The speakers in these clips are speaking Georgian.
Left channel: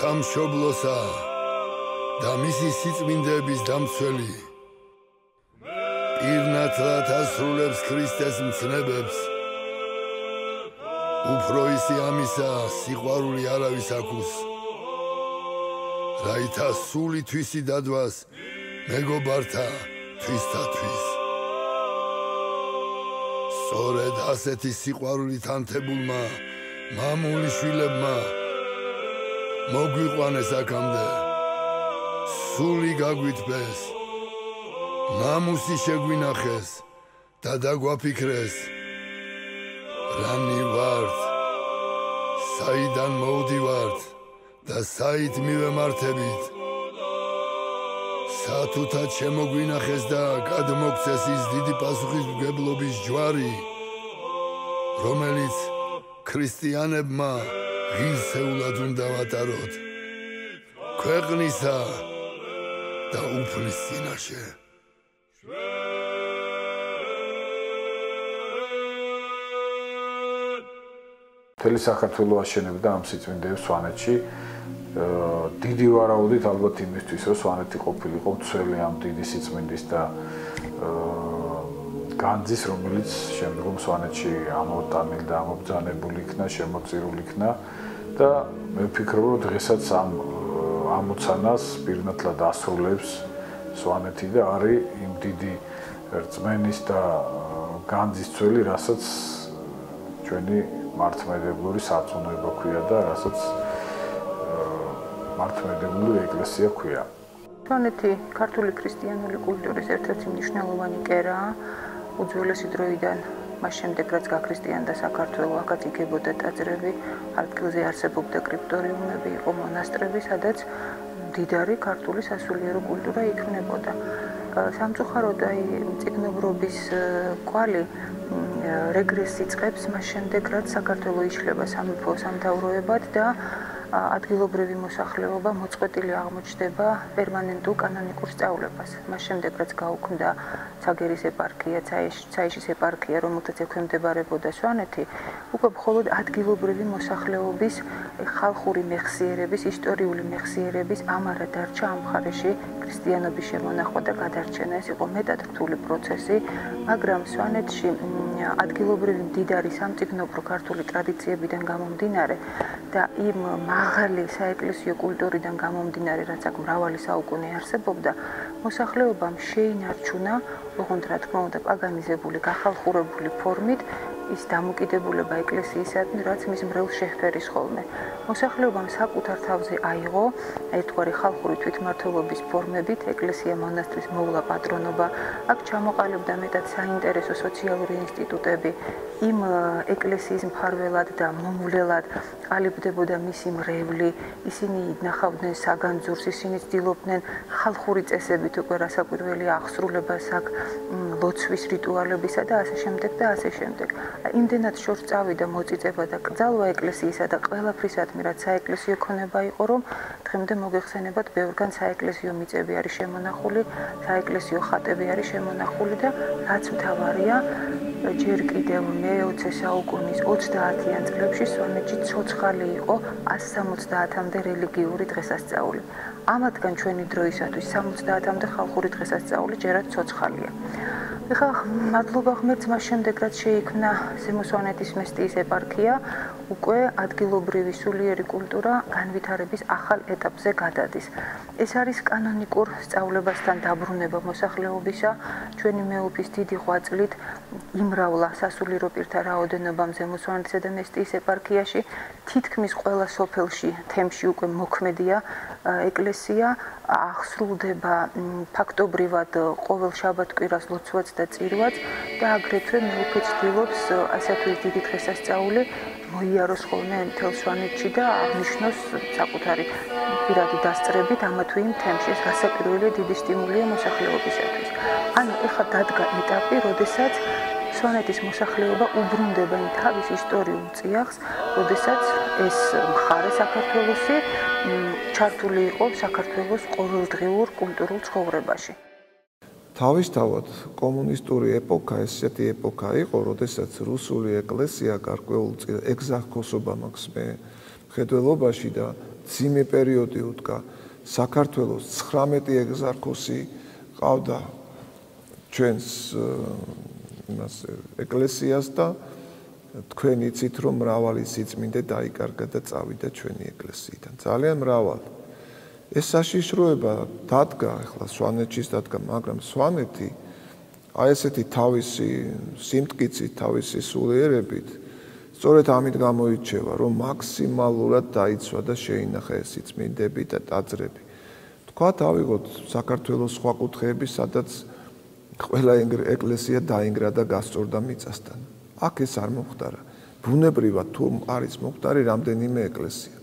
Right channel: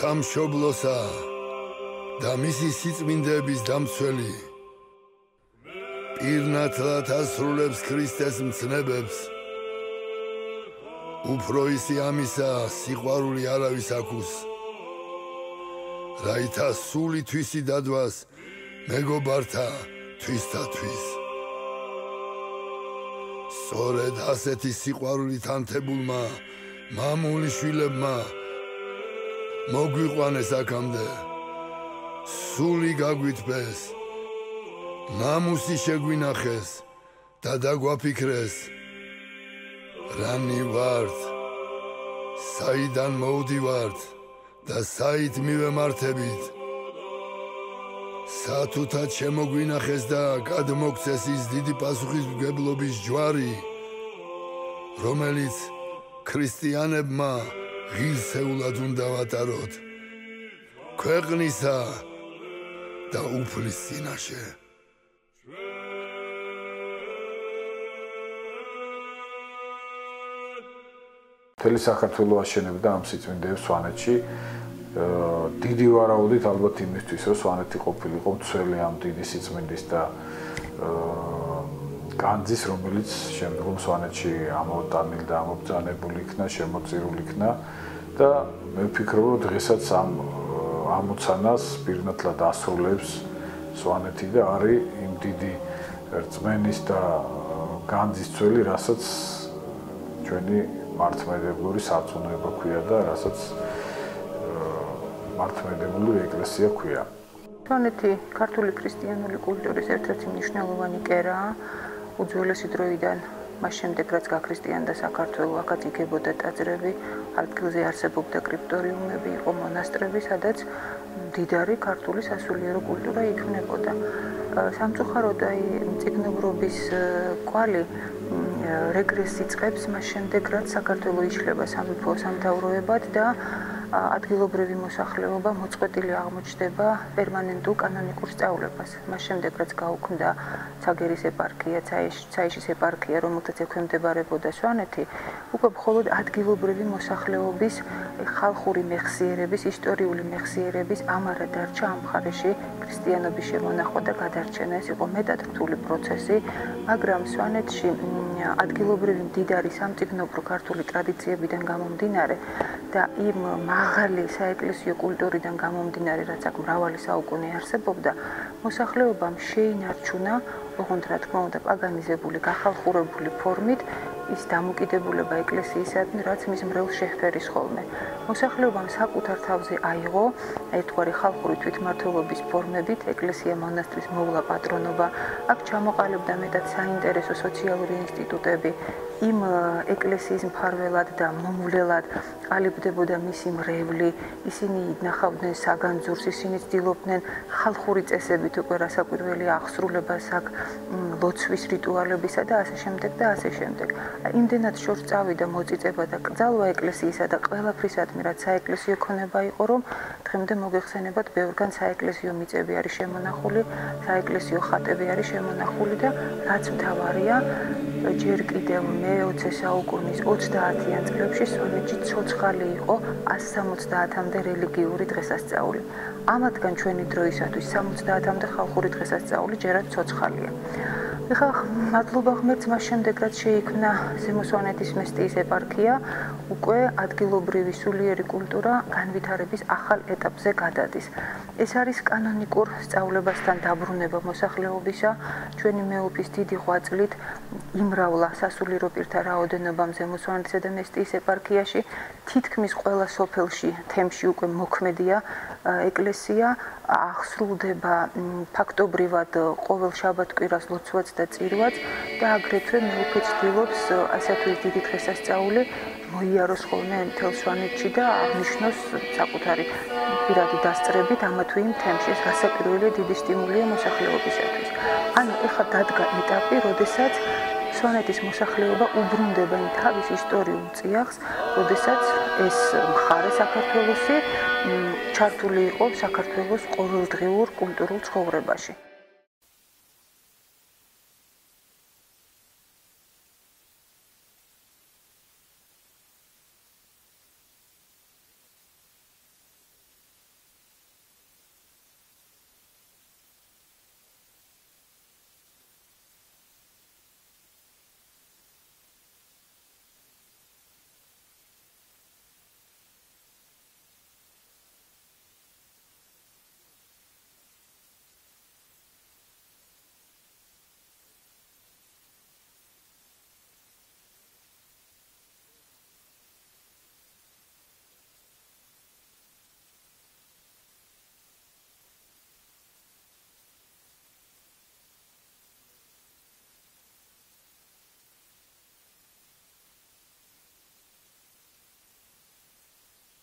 სამშობლოსა და მისი სიწმინდეების დამცველი პირნათლად ასრულებს ქრისტეს მცნებებს უფრო ისი ამისა სიყვარული არავის აქვს რაითა სული თვისი დადვას მეგობართა თვისთათვის სწორედ ასეთი სიყვარულით ანთებულმა მამული შვილებმა მოგვიყვანეს აქამდე სული გაგვიტბეს ნამუსი შეგვინახეს და დაგვაფიქრეს რანი ვართ საიდან მოვდივართ და საით მივემართებით სათუთად შემოგვინახეს და გადმოგცეს ის დიდი პასუხისმგებლობის ჯვარი რომელიც ქრისტიანებმა ღირსეულად უნდა ვატაროთ ქვეყნისა და უფლის წინაშე მთელი საქართველო აშენებდა ამ სიწმინდეებს სვანეთში დიდი ვარაუდით ალბათ იმისთვის რომ სვანეთი ყოფილიყო მცველი ამ დიდი სიწმინდის და განძის რომელიც შემდგომ სვანეთში ამოტანილ და ამობრძანებული იქნა შემოწირული იქნა და მე ვფიქრობ რომ დღესაც ამ ამოცანას პირნათლად ასრულებს სვანეთი და არის იმ დიდი რწმენის და განძის წველი რასაც ჩვენი მართლმადიდებლური სარწმუნოება ქვია და რასაც მართლმადიდებლური ეკლესია ქვია. სვანეთი ქართული ქრისტიანული კულტურის ერთ-ერთი მნიშვნელოვანი კერაა. უძველესი დროიდან მას შემდეგ რაც გაქრისტიანდა საქართველო, აქაც იგებოდა ტაძრები, ადგილზე არსებობდა კრიპტორიუმები, იყო მონასტრები, სადაც მდიდარი ქართული სასულიერო კულტურა იქმნებოდა. სამწუხაროდ აი მწიგნობრობის კვალი რეგრესს იწყებს მას შემდეგ რაც საქართველო იშლება სამეფო სამთავროებად და ადგილობრივი მოსახლეობა მოწყვეტილი აღმოჩნდება პერმანენტულ კანონიკურ სწავლებას. მას შემდეგ რაც გაუქმდა ცაგერის ეპარქია, ცაიშის ეპარქია, რომელთაც ექვემდებარებოდა სვანეთი, უკვე მხოლოდ ადგილობრივი მოსახლეობის ხალხური მეხსიერების, ისტორიული მეხსიერების ამარა დარჩა ამ მხარეში ქრისტიანობის შემონახვა და გადარჩენა. ეს იყო მეტად რთული პროცესი, მაგრამ სვანეთში ადგილობრივი მდიდარი სამწიგნობრო ქართული ტრადიციებიდან გამომდინარე და იმ მაღალი საეკლესიო კულტურიდან გამომდინარე, რაც აქ მრავალი საუკუნე არსებობდა, მოსახლეობამ შეინარჩუნა, ოღონდ რა თქმა უნდა, პაგანიზებული, გახალხურებული ფორმით ის დამოკიდებულება ეკლესიისადმი, რაც მის მრევლს შეჰფერის ხოლმე. მოსახლეობამ საკუთარ თავზე აიღო ერთგვარი ხალხური თვითმმართველობის ფორმებით ეკლესია მონასტრის მოვლა პატრონობა, აქ ჩამოყალიბდა მეტად საინტერესო სოციალური ინსტიტუტები, იმ ეკლესიის მფარველად და მომვლელად ყალიბდებოდა მისი მრევლი, ისინი ნახავდნენ საგანძურს, ისინი ცდილობდნენ ხალხური წესებით უკვე რასაკვირველია აღსრულებას აქ ლოცვის რიტუალებისა და ასე შემდეგ და ასე შემდეგ. იმდენად შორს წავიდა მოწიწება და კრძალვა ეკლესიისა და ყველაფრისადმი რაც საეკლესიო ქონება იყო, რომ დღემდე მოგეხსენებათ ბევრგან საეკლესიო მიწები არის შემონახული, საეკლესიო ხატები არის შემონახული და რაც მთავარია, ჯერ კიდევ მე-20 საუკუნის 30-იან წლებში სვანეთში ცოცხალი იყო 170-მდე რელიგიური დღესასწაული. ამათგან ჩვენი დროისათვის 70-მდე ხალხური დღესასწაული ჯერაც ცოცხალია. ეხლა მადლობა ღმერთს მას შემდეგ რაც შეიქმნა ზემო სვანეთის მესტიის ეპარქია, უკვე ადგილობრივი სულიერი კულტურა განვითარების ახალ ეტაპზე გადადის. ეს არის კანონიკურ სწავლებასთან დაბრუნება მოსახლეობისა, ჩვენი მეუფის დიდი ღვაწლით იმრავლა სასულიერო პირთა რაოდენობამ ზემო სვანეთისა და მესტიის ეპარქიაში, თითქმის ყველა სოფელში, თემში უკვე მოქმედია ეკლესია, აღსრულდება ფაქტობრივად ყოველ შაბათ-კვირას ლოცვაც და წირვაც და აგრეთვე მეუფე ცდილობს ასეთი დიდი დღესასწაული მოიაროს ხოლმე მთელ სვანეთში და აღნიშნოს საკუთარი პირადი დასწრებით ამა თუ იმ თემში. ეს გასაკვირველი დიდი სტიმულია მოსახლეობისათვის. ანუ ეხლა დადგა ეტაპი, როდესაც სვანეთის მოსახლეობა უბრუნდება იმ თავის ისტორიულ წიაღს, როდესაც ეს მხარე საქართველოსი ჩართული იყო საქართველოს ყოველდღიურ კულტურულ ცხოვრებაში. თავისთავად კომუნისტური ეპოქა ესეთი ეპოქა იყო, როდესაც რუსული ეკლესია გარკვეულ ეგზარქოსობა მაქვს მე მხედველობაში და ძიმე პერიოდი უდგა საქართველოს 19 ეგზარქოსი ყავდა ჩვენს იმას ეკლესიას და თქვენ იცით რომ მრავალი სიწმინდე დაიკარგა და წავიდა ჩვენი ეკლესიიდან. ძალიან მრავალი. ეს საშიშროება დადგა, ახლა სვანეთშიც დადგა, მაგრამ სვანეთი აი ესეთი თავისი სიმტკიცით, თავისი სულიერებით სწორედ ამით გამოირჩევა, რომ მაქსიმალურად დაიცვა და შეინახა ეს სიწმინდები და ტაძრები. თქვათ, ავიღოთ საქართველოს სხვა კუთხეები, სადაც ყველა ეკლესია დაინგრა და გასწორდა მიწასთან. აქ ეს არ მოხდარა. ბუნებრივად თუ არის მოხდარი რამდენიმე ეკლესია.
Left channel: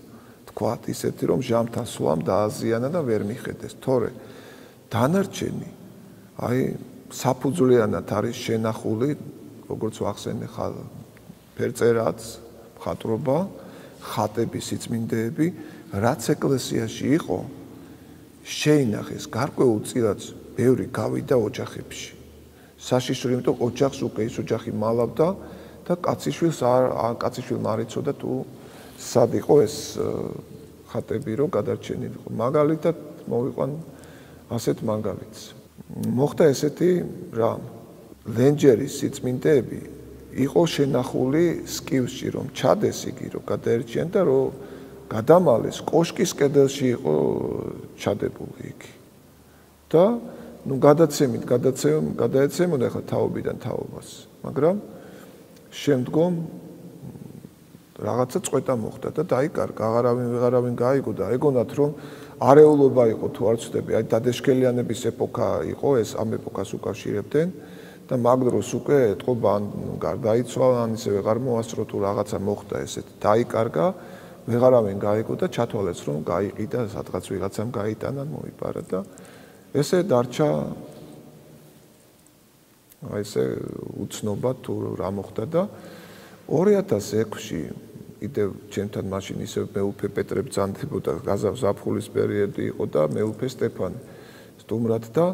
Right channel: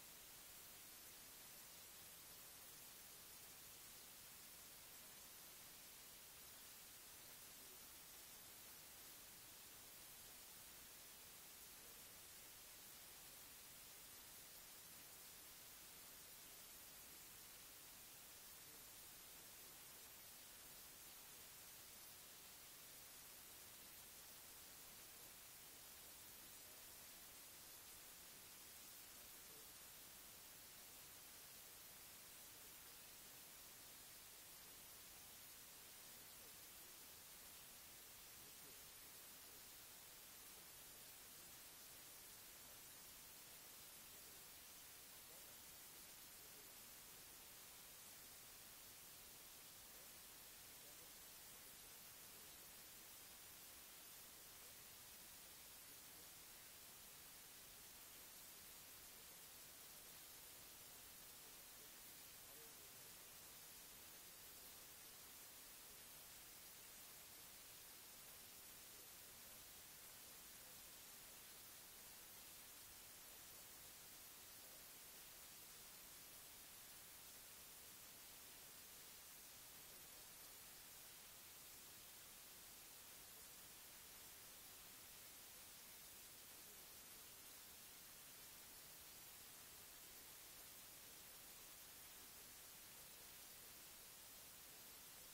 თქვათ ისეთი რომ ჟამთა სვამ დააზიანა და ვერ მიხედეს. თორე დანარჩენი აი საფუძვლიანად არის შენახული, როგორც ვახსენე ფერწერაც, მხატვრობა, ხატები, სიწმინდეები, რაც ეკლესიაში იყო, შეინახეს გარკვეულწილად ბევრი გავიდა ოჯახებში. საშიშრო, იმიტომ ოჯახს უკვე ის ოჯახი მალავდა და კაციშვილმა არ იცოდა თუ სად იყო ეს ხატები, რომ გადარჩენილიყო. მაგალითად მოვიყვან ასეთ მაგალითს. მოხდა ესეთი რამ. ლენჯერის სიწმინდეები იყო შენახული სკივსში, რომ ჩადეს იგი, რომ გადაერჩიან და რომ გადამალეს კოშკის კედელში იყო ჩადებული იგი. და ნუ გადაეცემოდა ხა თაობიდან თაობას, მაგრამ შემდგომ რაღაცა წვეტა მოხდა და დაიკარგა, აღარავინ გაიგო და ეგონათ რომ არეულობა იყო თუ არ ვცდები, აი დადეშქელიანების ეპოქა იყო ეს, ამ ეპოქას უკავშირებდნენ და მაგ დროს უკვე ეთყობა ან გარდაიცვალა, ან ისე ვეღარ მოასწრო თუ რაღაცა მოხდა ესეთ, დაიკარგა, ვეღარავინ გაიგო და ჩათვალეს რომ გაიყიდა, სადღაც ვიღაცამ გაიტანა, მოიპარა და ესე დარჩა აი ესე უცნობა თუ რა მოხდა და 2006-ში კიდევ ჩემთან მაშინ ისე მეუფე პეტრე ბრძანდებოდა, გაზაფხულის პერიოდი იყო და მეუფე სტეფანე სტუმრად და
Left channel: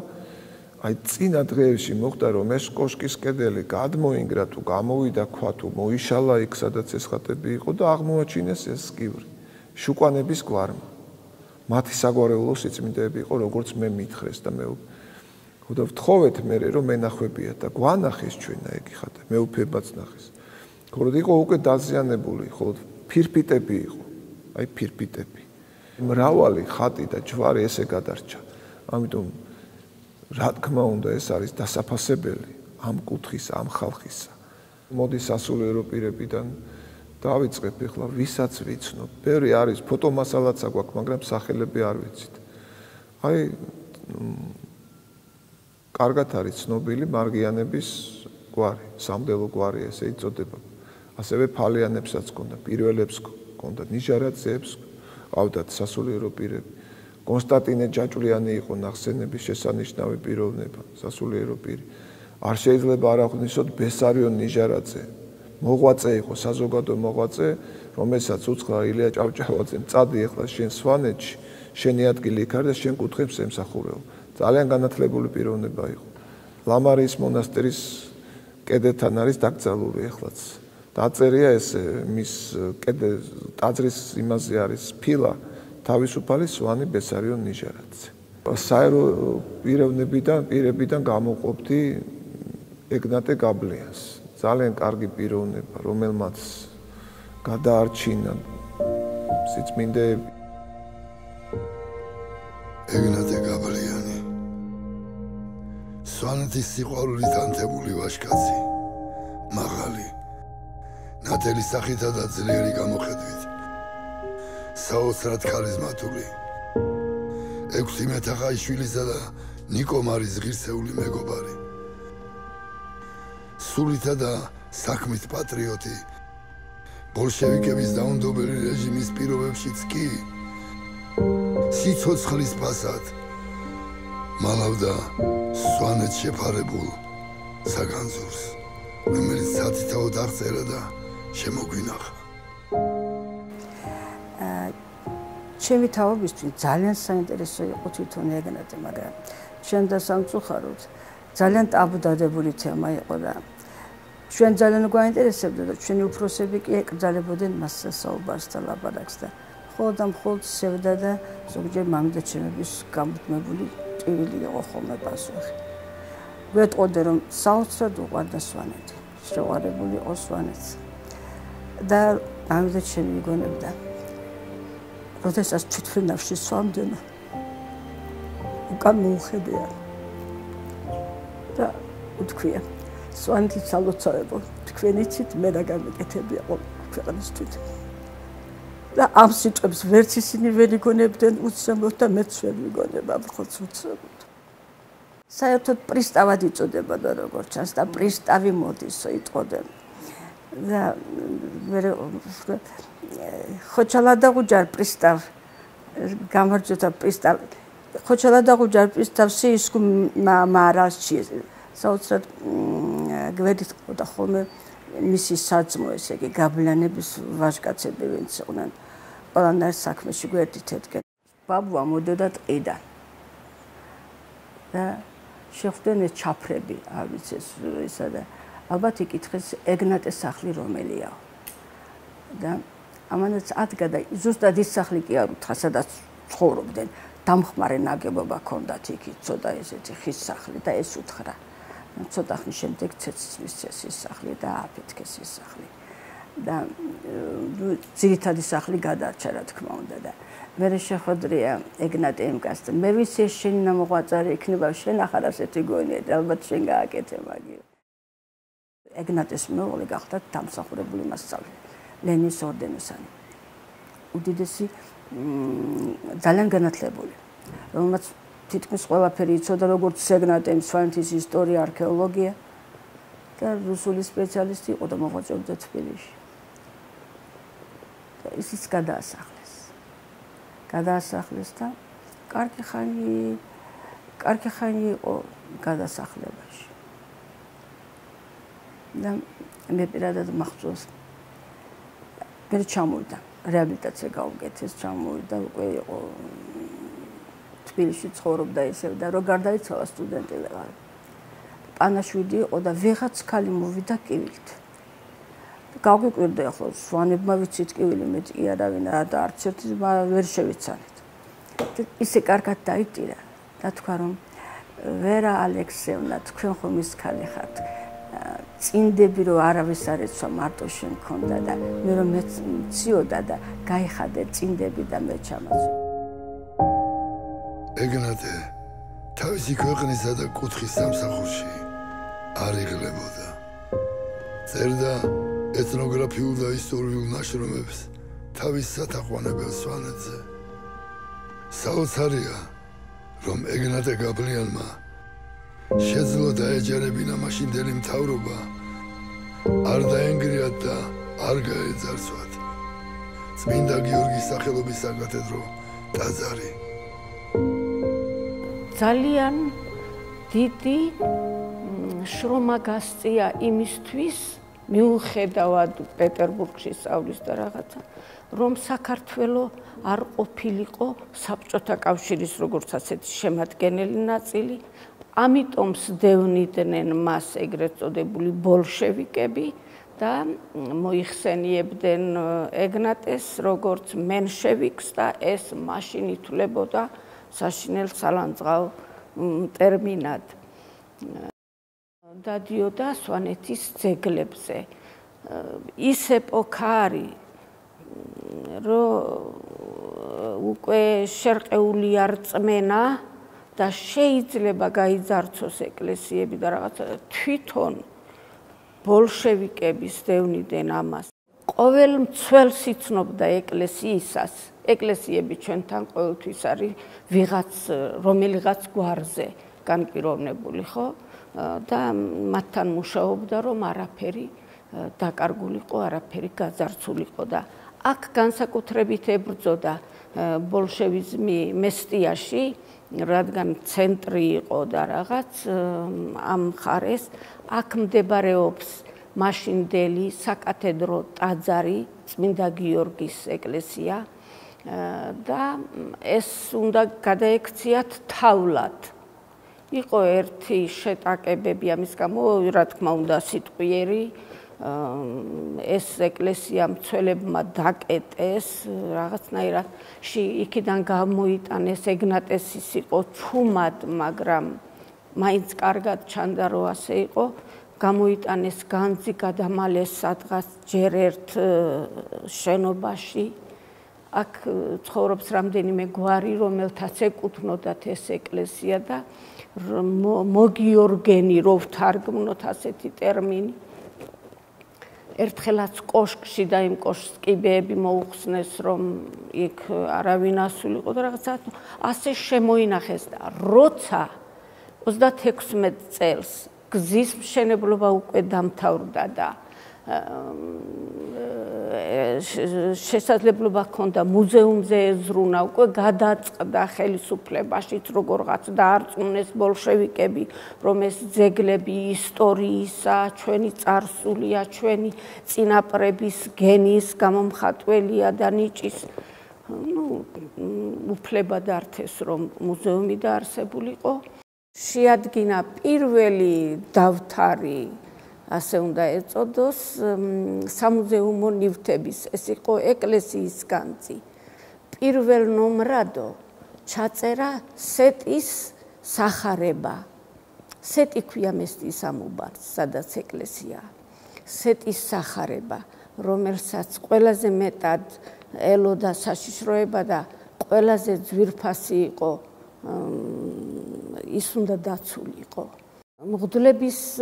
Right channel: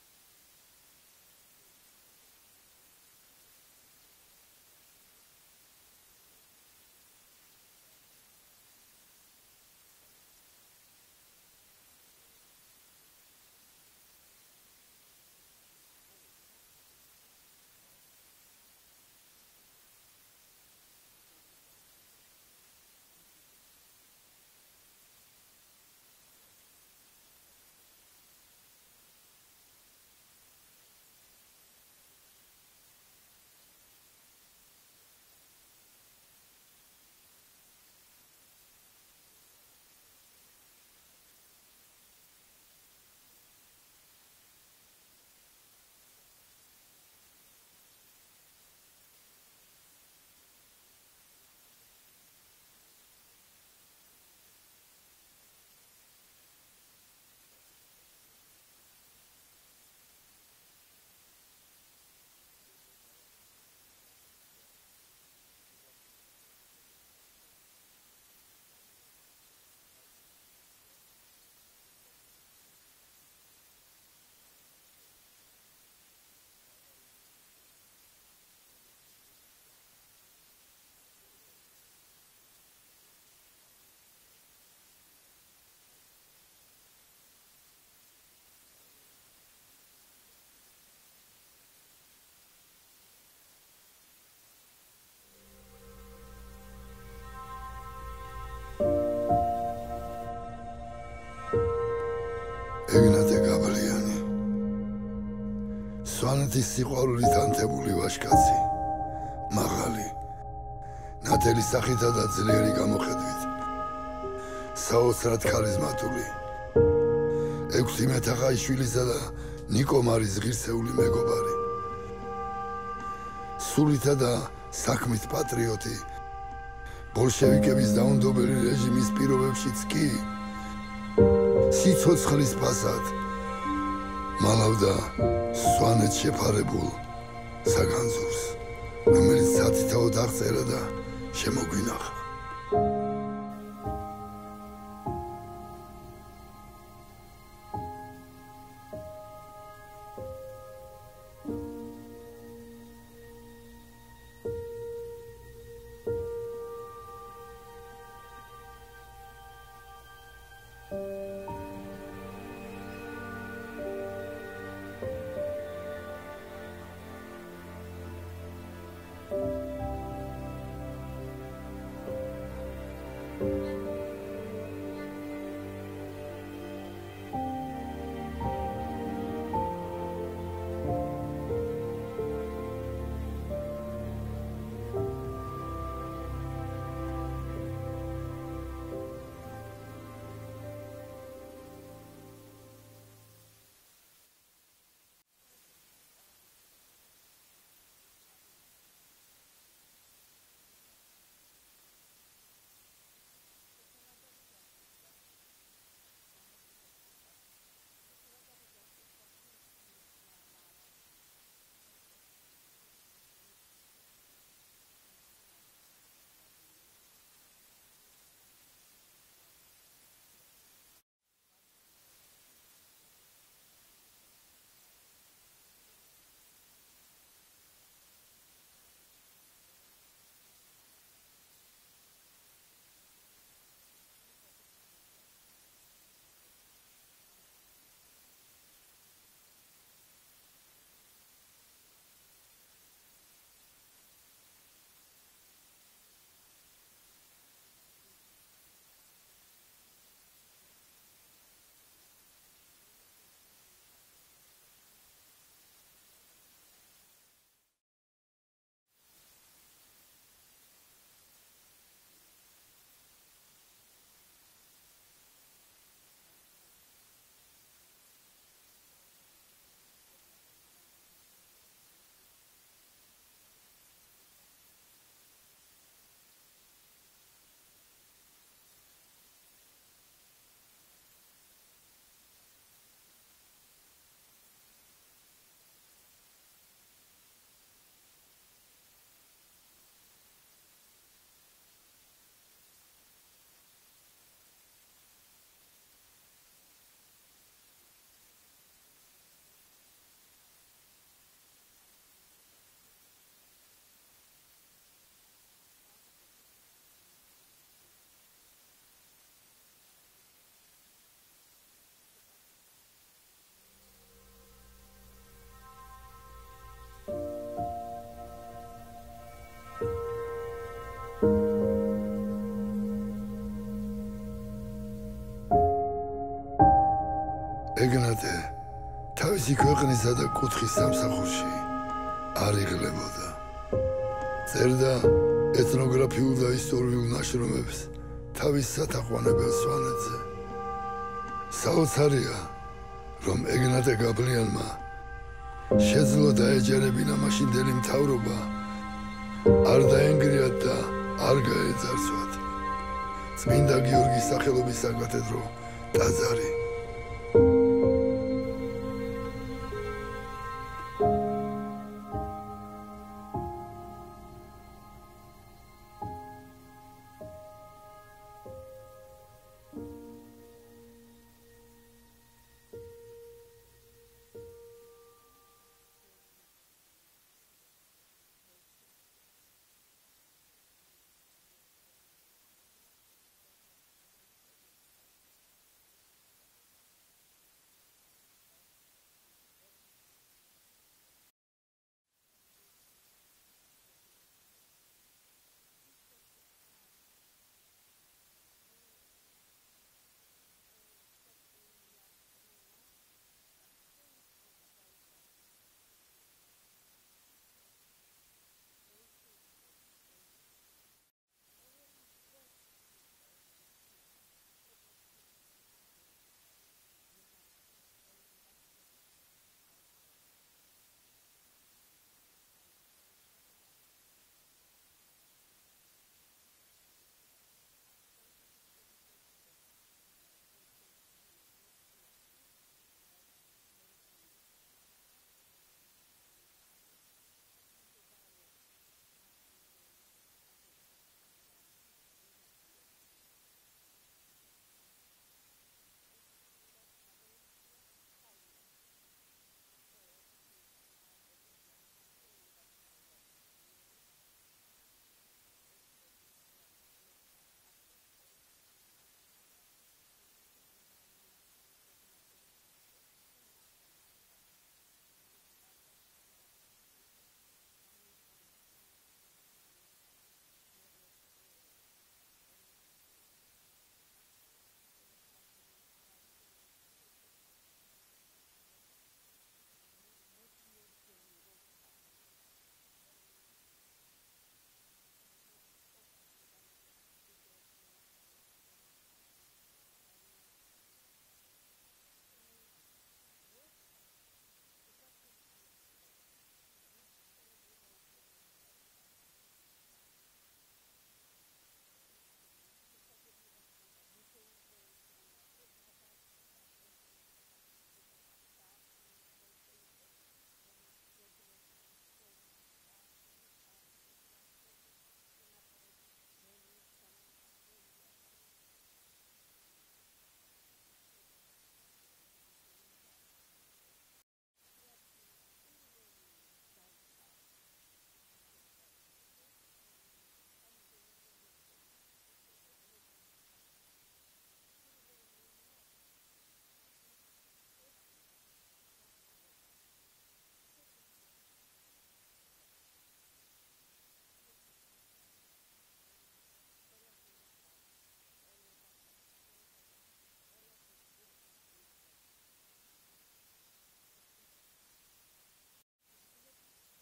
აი წინა დღეებში მოხდა რომ ეს კოშკის კედელი გადმოინგრა თუ გამოვიდა ქვა თუ მოიშალა იქ სადაც ეს ხატები იყო და აღმოაჩინეს ეს სკივრი შუკვანების გვარმა. მათი საგვარეულო სიწმინდეები იყო როგორც მე მითხრეს და მე ხოდა ვთხოვეთ მე რომ მენახვებია და გვანახეს ჩვენა ეგ ხატი მეუფებაც ნახეს. ხოლო იყო უკვე დაზიანებული, ხოლო ფირფიტები იყო, აი ფირფიტები. მრავალი ხატი და ჯვარი ესე გადარჩა. ამიტომ რა თქმა უნდა ეს არის დასაფასებელი ამ კუთხის, ამ ხალხისა. მოდი სასულიერო პირებიდან დავიწყებ ახლა ვისაც ვიცნობ. ბევრი არის, ფოტომასალაც აგვაქვს, მაგრამ სახელები არ ვიცით. აი კარგად არის ცნობილი მარგიანების გვარი, სამდელო გვარი ესე იწოდება. ასევე ფალიანებსაც ჰქონდა, პირველებს ჰქონდა, ნიჟარაძეებს ყავდათ სასულიერო პირები. კონსტანტინე ჯაჭვლიანი იყო ნახსენების შესანიშნავი პიროვნება, სასულიერო პირი. არ შეიძლება არ აღვნიშნოთ ბესარიონ ნიჟარაძე. მოღვაწე იყო, საზოგადო მოღვაწე, რომელსაც უცხო ილია ჭავჭავაძემ წადი ახლა შენ სვანეთში, შენი ადგილი იქ არის და შენ კუთხებს ემსახურეო. ძალიან განათლებული პიროვნება იყო. ლამარიის მონასტრის კედელთან არის დაკრძალული ახლაც. დაწერია ეს მის ტაძრის იმაზე არის ფილა თავისუფალი სვანი ბესარიონ ნიჟარაძე. საერო პირებიდან გამოყოფდი ეგნატე გაბლიანს, ძალიან კარგი პიროვნება, რომელმაც გადაარჩინა სიწმინდეები. ეგნატე გაბლიანი სვანეთის სიყვარულით ანთებული ვაჟკაცი, მაღალი, ნათელი სახითა და ძლიერი გამოხედვით, საოცრად ქარიზმატული, 6 მეთახაიშვილისა და ნიკო მარის ღირსეული მეგობარი, სულითა და საქმით პატრიოტი, ბოლშევიკების დაუნდობელი რეჟიმის პირობებშიც კი სიცოცხლის ფასად მალავდა სვანეთს შეფარებულ საგანძურს, რომელიც სათითაოდ აღწერა და შემოგვინახა. ჩემი თაობისთვის ძალიან საინტერესო იყო თვითონ ეგნატე, მაგრამ ჩვენ და სამწუხაროდ ძალიან ტაბუდადებული თემა იყო და ჩვენ ძალიან გვაინტერესებდა და ჩვენი უფროსები კი ეკრძალებოდნენ მას საუბარს და ლაპარაკს და მხოლოდ და მხოლოდ სევდა და ზოგჯერ მამიდაჩემების გამუდმებული ტვილი იყო ხოლმე პასუხი. ვეტყოდე რომ საოცრად უყვარდა სვანეთი, შეუყვარებული იყო სვანეთს და მამიდაჩემი იგონებდა როდესაც თვითფრინავში სვამდენა უკან მოუხედია და უთქვია სვანეთი სალოცავებო თქვენიცით მე რა გამეკეთებია ქვეყნისთვის და ამ სიტყვებს ვერც ისინი ვერ იგონებდნენ უცნობოდ და მეც ვერ ვიგონება მხოლოდ უცნობოდ. საერთოდ პრისტავად იწოდებოდა როგორც ჩანს და პრისტავი მოდისო იტყოდნენ და მე ხოჩალადაღუჯარ პრისტავ გამარჯვება პრისტავ ხოჩალადაღუჯარ პრისტავ სიისკუ მარასჩი საოცრად გვერდით ყოდა ხოლმე მისი საძმო ესე იგი გაბლიანების ვაჟკაცები ვინც იყვნენ ყველანაირ საქმეში გვერდით ედგნენ. ბაბუა მოდოდა ტყიდან და შეხვდნენ ეს ჩაფრები, არ ვიცი ისა და ალბათ იკითხეს ეგნატეს სახლი რომელიაო. და ამანაც ადგა და ზუსტად ის სახლი კი არ უთხრა, სადაც ცხოვრობდნენ, დამხმარე ნაგებობა ჰქონდათ იქ, ცოტა ესეთი ხის სახლი და ეს უთხრა. ცოტა ხნის შემდეგ ცეცხლის ეს სახლი და აფეთქეს ეს სახლი. და ძირითადი სახლი გადარჩა რა თქმა უნდა და მე შეხვედრია ეგნატე ემკას და მე ვიცი ეს შენი ნამოღვაწარე იქნება შენ ახარ ასეთი გონია და ალბათ შენ გააკეთე მაგი. ეგნატეს მეუღლე გახდა დამსახურებული მასწავლებელი ლენის ორდენოსანი. უდიდესი ძალიან განათლებული, რომელმაც თითქმის ყველაფერი იცოდა როგორც ეგნატემ, სვანეთის ისტორია, არქეოლოგია და რუსული სპეციალისტი იყო და მოღვაწეობდა თბილისში. და ისიც გადაასახლეს და კარგი ხანი იყო გადასახლებაში. და მე პირადად მახსოვს მე ჩამოვიდა რეაბილიტაცია გაუკეთეს, ჩამოვიდა უკვე იყო თბილისში ცხოვრობდა ისევ და რო გარდაიცვალა სტუდენტი ვეღარ. პანაშვიდი იყო და ვიღაც ქალი მოვიდა კივილით. გავგვიკვირდა ახლა სვანებმა ვიცით კივილი მეტი კი არავინ და არც ერთი ვერ შევიცანით. ისე კარგად დაიტირა და თქვა რომ ვერა ალექსეევნა თქვენ ხომ ის ქალი ხართ. წინდები რომ არავის არ ეცვა მარტო შენ მქონდა და მე რომ მეციოდა და გაიხადე წინდები და მე ჩამაწვა. ეგნატე თავისი ქვეყნისა და კუთხის სამსახურში არ იღლებოდა. წერდა ეთნოგრაფიულ და ისტორიულ ნაშრომებს თავის სათაყვანებელ სვანეთზე. საოცარია, რომ ეგნატე გაბლიანმა შეძლო დაეჯერებინა მაშინდელი მთავრობა, არ დაენგრიათ და არ გაეძარცვათ წმინდა გიორგის სახელობის საკათედრო ტაძარი. ძალიან დიდი შრომა გასწია იმისთვის, მიუხედავად პეტერბურგში სწავლის და რაღაცა, რომ საქართველო არ ყოფილიყო საბჭოთა კავშირის როგორც ასეთი შემადგენელი ნაწილი, ამიტომ სდევნიდნენ მას ეგრეთ წოდებული ბოლშევიკები და მოიხსენიებდნენ ეგნატეს როგორც მენშევიკს და ეს მაშინ ითვლებოდა საშინელ სალანძღავ ტერმინად. დადიოდა სვანეთის ძეგლებზე. ის ეპოქა არის, რომ უკვე შერყეული არ წმენა და შეიძლება გაიძარცოს ეკლესიები და რაღაცა თვითონ ბოლშევიკების დევნიდნენ ამას. ყოველ მცველს იცნობდა ეკლესიისას. ეკლესიები ჩვენთან ყოველთვის არის რომელიღაც გვარზე განპირობებული, ხო? და მათთან მუშაობდა, რომ არაფერი დაკარგულიყო, არაფერი გაძარცულიყო და აქ განსაკუთრებით ებრძოდა ბოლშევიზმი მესტიაში, რადგან ცენტრი იყო და რაღაც ამ მხარეს, აქ მდებარეობს მაშინდელი საკათედრო ტაძარი, წმინდა გიორგის ეკლესია და ეს უნდა გადაექციათ თავლად. იყო ერთი შეტაკებები ამის გამო, რა თქმა უნდა, სიტყვიერი, ეს ეკლესია მცველებმა დაკეტეს, რაღაცნაირად იქიდან გამოიტანეს, ეგნატესის იყო ჩუმად, მაგრამ მაინც კარგად ჩანდა, რომ ასე იყო. გამოიტანეს განძი, გადამალეს სადღაც ჯერ ერთ შენობაში. აქ ცხოვრობს რამდენიმე გვარი, რომელთაც ეკუთვნოდათ ეს ეკლესია და მოგიორგენი, რო ვთარგმნოთ ასეთი ტერმინი. ერთხელაც კოშკში და იმ კოშკს კიბეები მოუხსნეს, რომ იქ არავინ ასულიყო და რაღაცა ასე შემოინახეს და როცა 36 წელს გზის მშენებლობა უკვე დამთავრდა და შესაძლებლობა ჰქონდა მუზეუმზე ეზრუნა, უკვე გადაწყდა ხელისუფლებაშიც როგორღაც დაარწმუნეს ბოლშევიკები, რომ ეს ძეგლები ისტორიისა, ჩვენი წარსულია, ჩვენი წინაპრების გენის გამომხატველია და ნიჭის. უფლება დართეს, რომ მუზეუმი დაარსებულიყო. შეადგინა პირველი დავთარი, ასე უნდა ეწოდოს, სამუზეუმო ნივთების, ეს იყო ეკლესიის განძი. პირველ ნომრადო ჩაწერა სეტის სახარება. სეტი ქვია მესტიის ამუბარს, სადაც ეკლესიაა. სეტის სახარება, რომელსაც ყველაზე მეტად ელოდა საშიშროება და ყველაზე ძვირფასი იყო, ის უნდა დაცულიყო. მღვდლების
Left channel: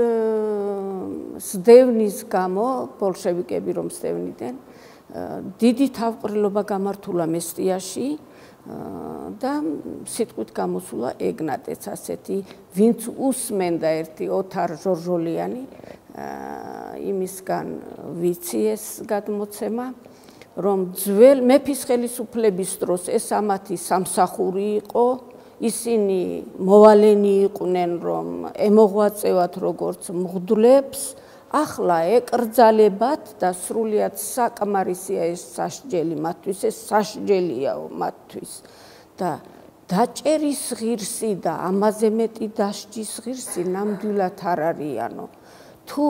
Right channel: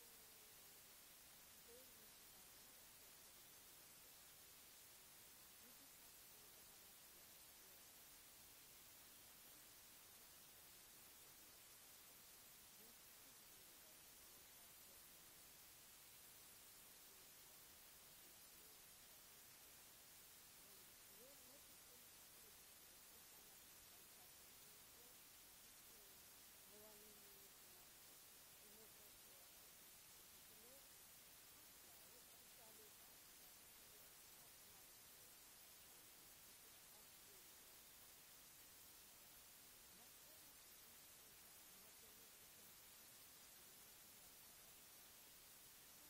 სდევნის გამო, ბოლშევიკები რომ სდევნიდნენ, დიდი თავყრილობა გამართულა მესტიაში და სიტყვით გამოსულა ეგნატეც, ასეთი, ვინც უსმენდა ერთი ოთარ ჟორჟოლიანი, იმისგან ვიცი ეს გადმოცემა, რომ ძველ მეფის ხელისუფლების დროს ეს ამათი სამსახური იყო, ისინი მოვალენი იყვნენ, რომ ემოღვაწევათ როგორც მღვდლებს, ახლა ეკრძალებათ და სრულიად საკმარისია ეს სასჯელი მათთვის, ეს სასჯელიაო მათთვის და დაჭერის ღირსი და ამაზე მეტი დასჯის ღირსი ნამდვილად არ არიანო. თუ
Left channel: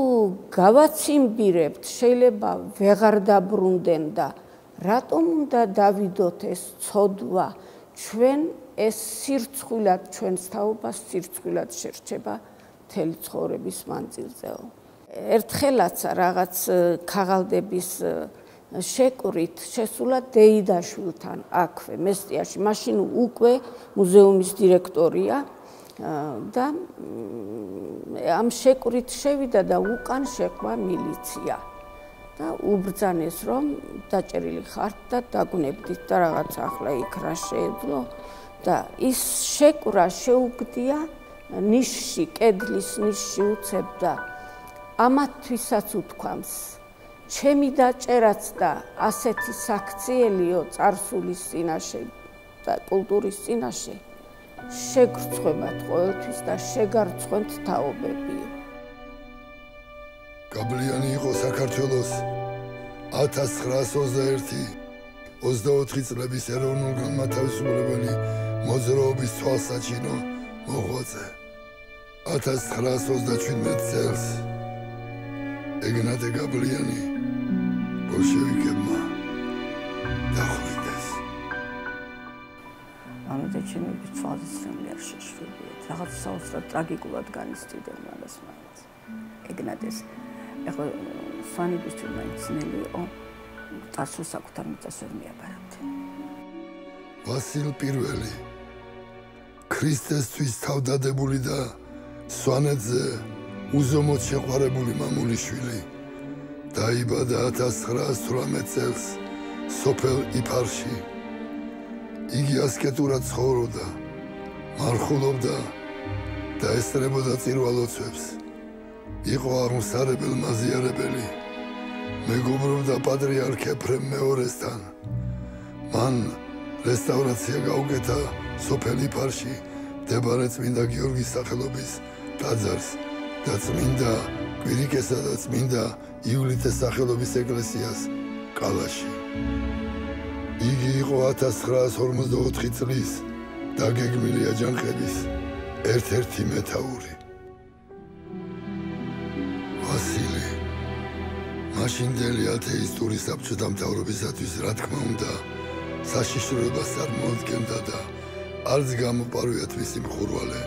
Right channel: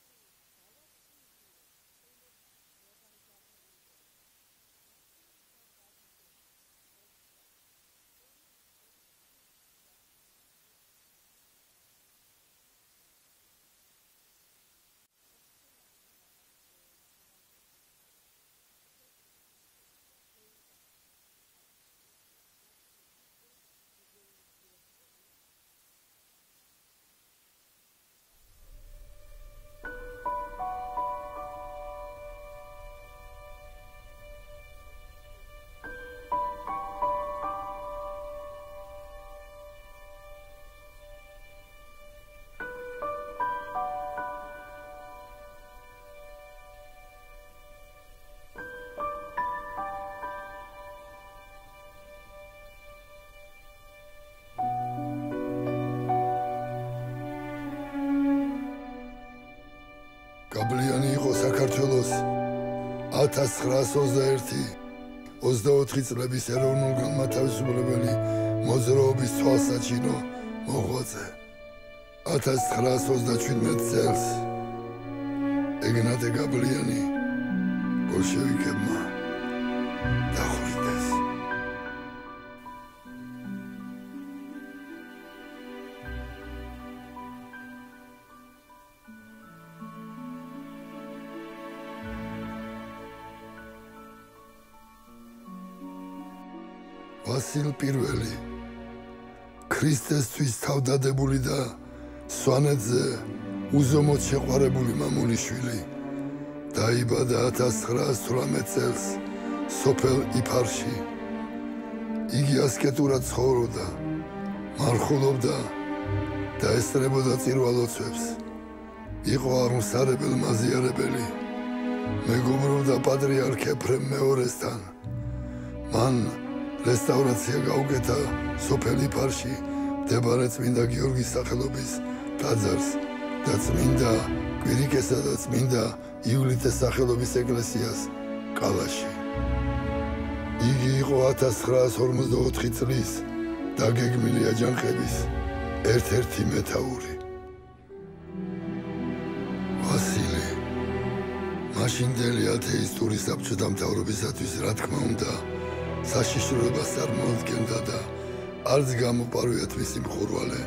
გავაციმბირებთ, შეიძლება ვეღარ დაბრუნდნენ და რატომ უნდა დავიდოთ ეს ცოდვა, ჩვენ ეს სირცხვილად ჩვენს თაობას სირცხვილად შერჩება მთელი ცხოვრების მანძილზეო. ერთხელაც რაღაც ქაღალდების შეკვრით შესულა დეიდაშვილთან აქვე მესტიაში, მაშინ უკვე მუზეუმის დირექტორია და ამ შეკვრით შევიდა და უკან შეყვა მილიცია და უბრძანეს, რომ დაჭერილი ხართ და დაგვნებდით და რაღაც ახლა იქ რა შეეძლო და ის შეკვრა შეუგდია ნიშში, კედლის ნიშში უცებდა. ამათთვისაც უთქვამს, ჩემი დაჭერაც და ასეთი საქციელიო წარსულის წინაშე და კულტურის წინაშე შეგრცხვებათ ყოველთვის და შეგარცხვენთ თაობები. გაბლიანი იყო საქართველოს 1921-24 წლების ეროვნულ-განმათავისუფლებელი მოძრაობის თვალსაჩინო მოღვაწე. 1927 წელს ეგნატე გაბლიანი ბოლშევიკებმა დახვრიტეს. ამიტომ ჩვენი თვალსაჩინო არ შეშლილია. რაღაც საოცრად ტრაგიკულად განიცდიდა მაგას. ეგნატეს. ეხლა სვანებისთვის მაინც ძნელი იყო წარსულს საკუთარ მიწას ვერ მიაბარავთ. ვასილ პირველი ქრისტესთვის თავდადებული და სვანეთზე უზომოდ შეყვარებული მამულიშვილი დაიბადა 1918 წელს სოფელ იფარში. იგი ასკეტურად ცხოვრობდა, მარხულობდა და ესწრებოდა წირვალოცვებს. იყო აღმსარებელ მაზიარებელი. მეგობრობდა პატრიარქ ეფრემ მეორესთან. მან რესტავრაცია გაუკეთა სოფელ იფარში მდებარე წმინდა გიორგის სახელობის ტაძარს და წმინდა კვირიკესა და წმინდა იულიტეს სახელობის ეკლესიას კალაში. იგი იყო 1954 წლის დაგეგმილი აჯანყების ერთ-ერთი მეთაური. ვასილი მაშინდელი ათეისტური საბჭოთა მთავრობისათვის რა თქმა უნდა საშიშროებას წარმოადგენდა და არც გამოპარვიათ მისი მხურვალე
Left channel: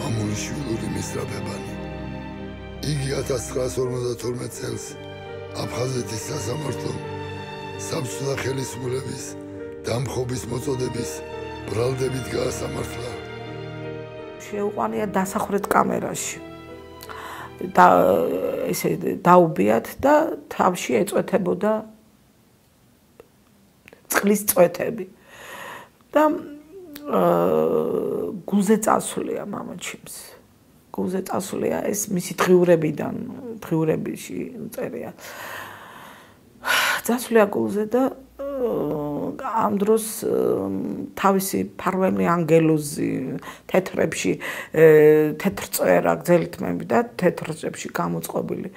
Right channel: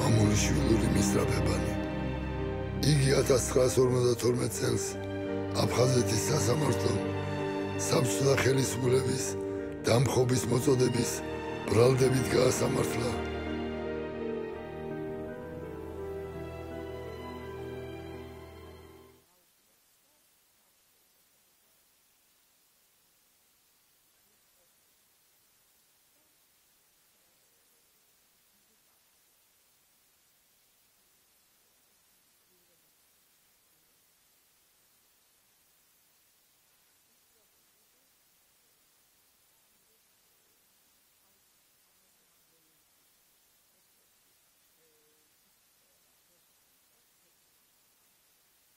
მამულიშვილური მისწრაფებანი. იგი 1952 წელს აფხაზეთის სასამართლომ საბჭოთა ხელისუფლების დამხობის მოწოდების ბრალდებით გაასამართლა. შეუყვანია დასახრეთ კამერაში. და ესე დაუბიათ და თავში ეწვეთებოდა წყლის წვეთები. და გულზე წასულია მამაჩემს. გულზე წასულია ეს მისი დღიურებიში წერია. წასულია გულზე და ამ დროს თავისი ფარველი ანგელოზი თეთრებში თეთრ წერა გძელითმები და თეთრებში გამოწყობილი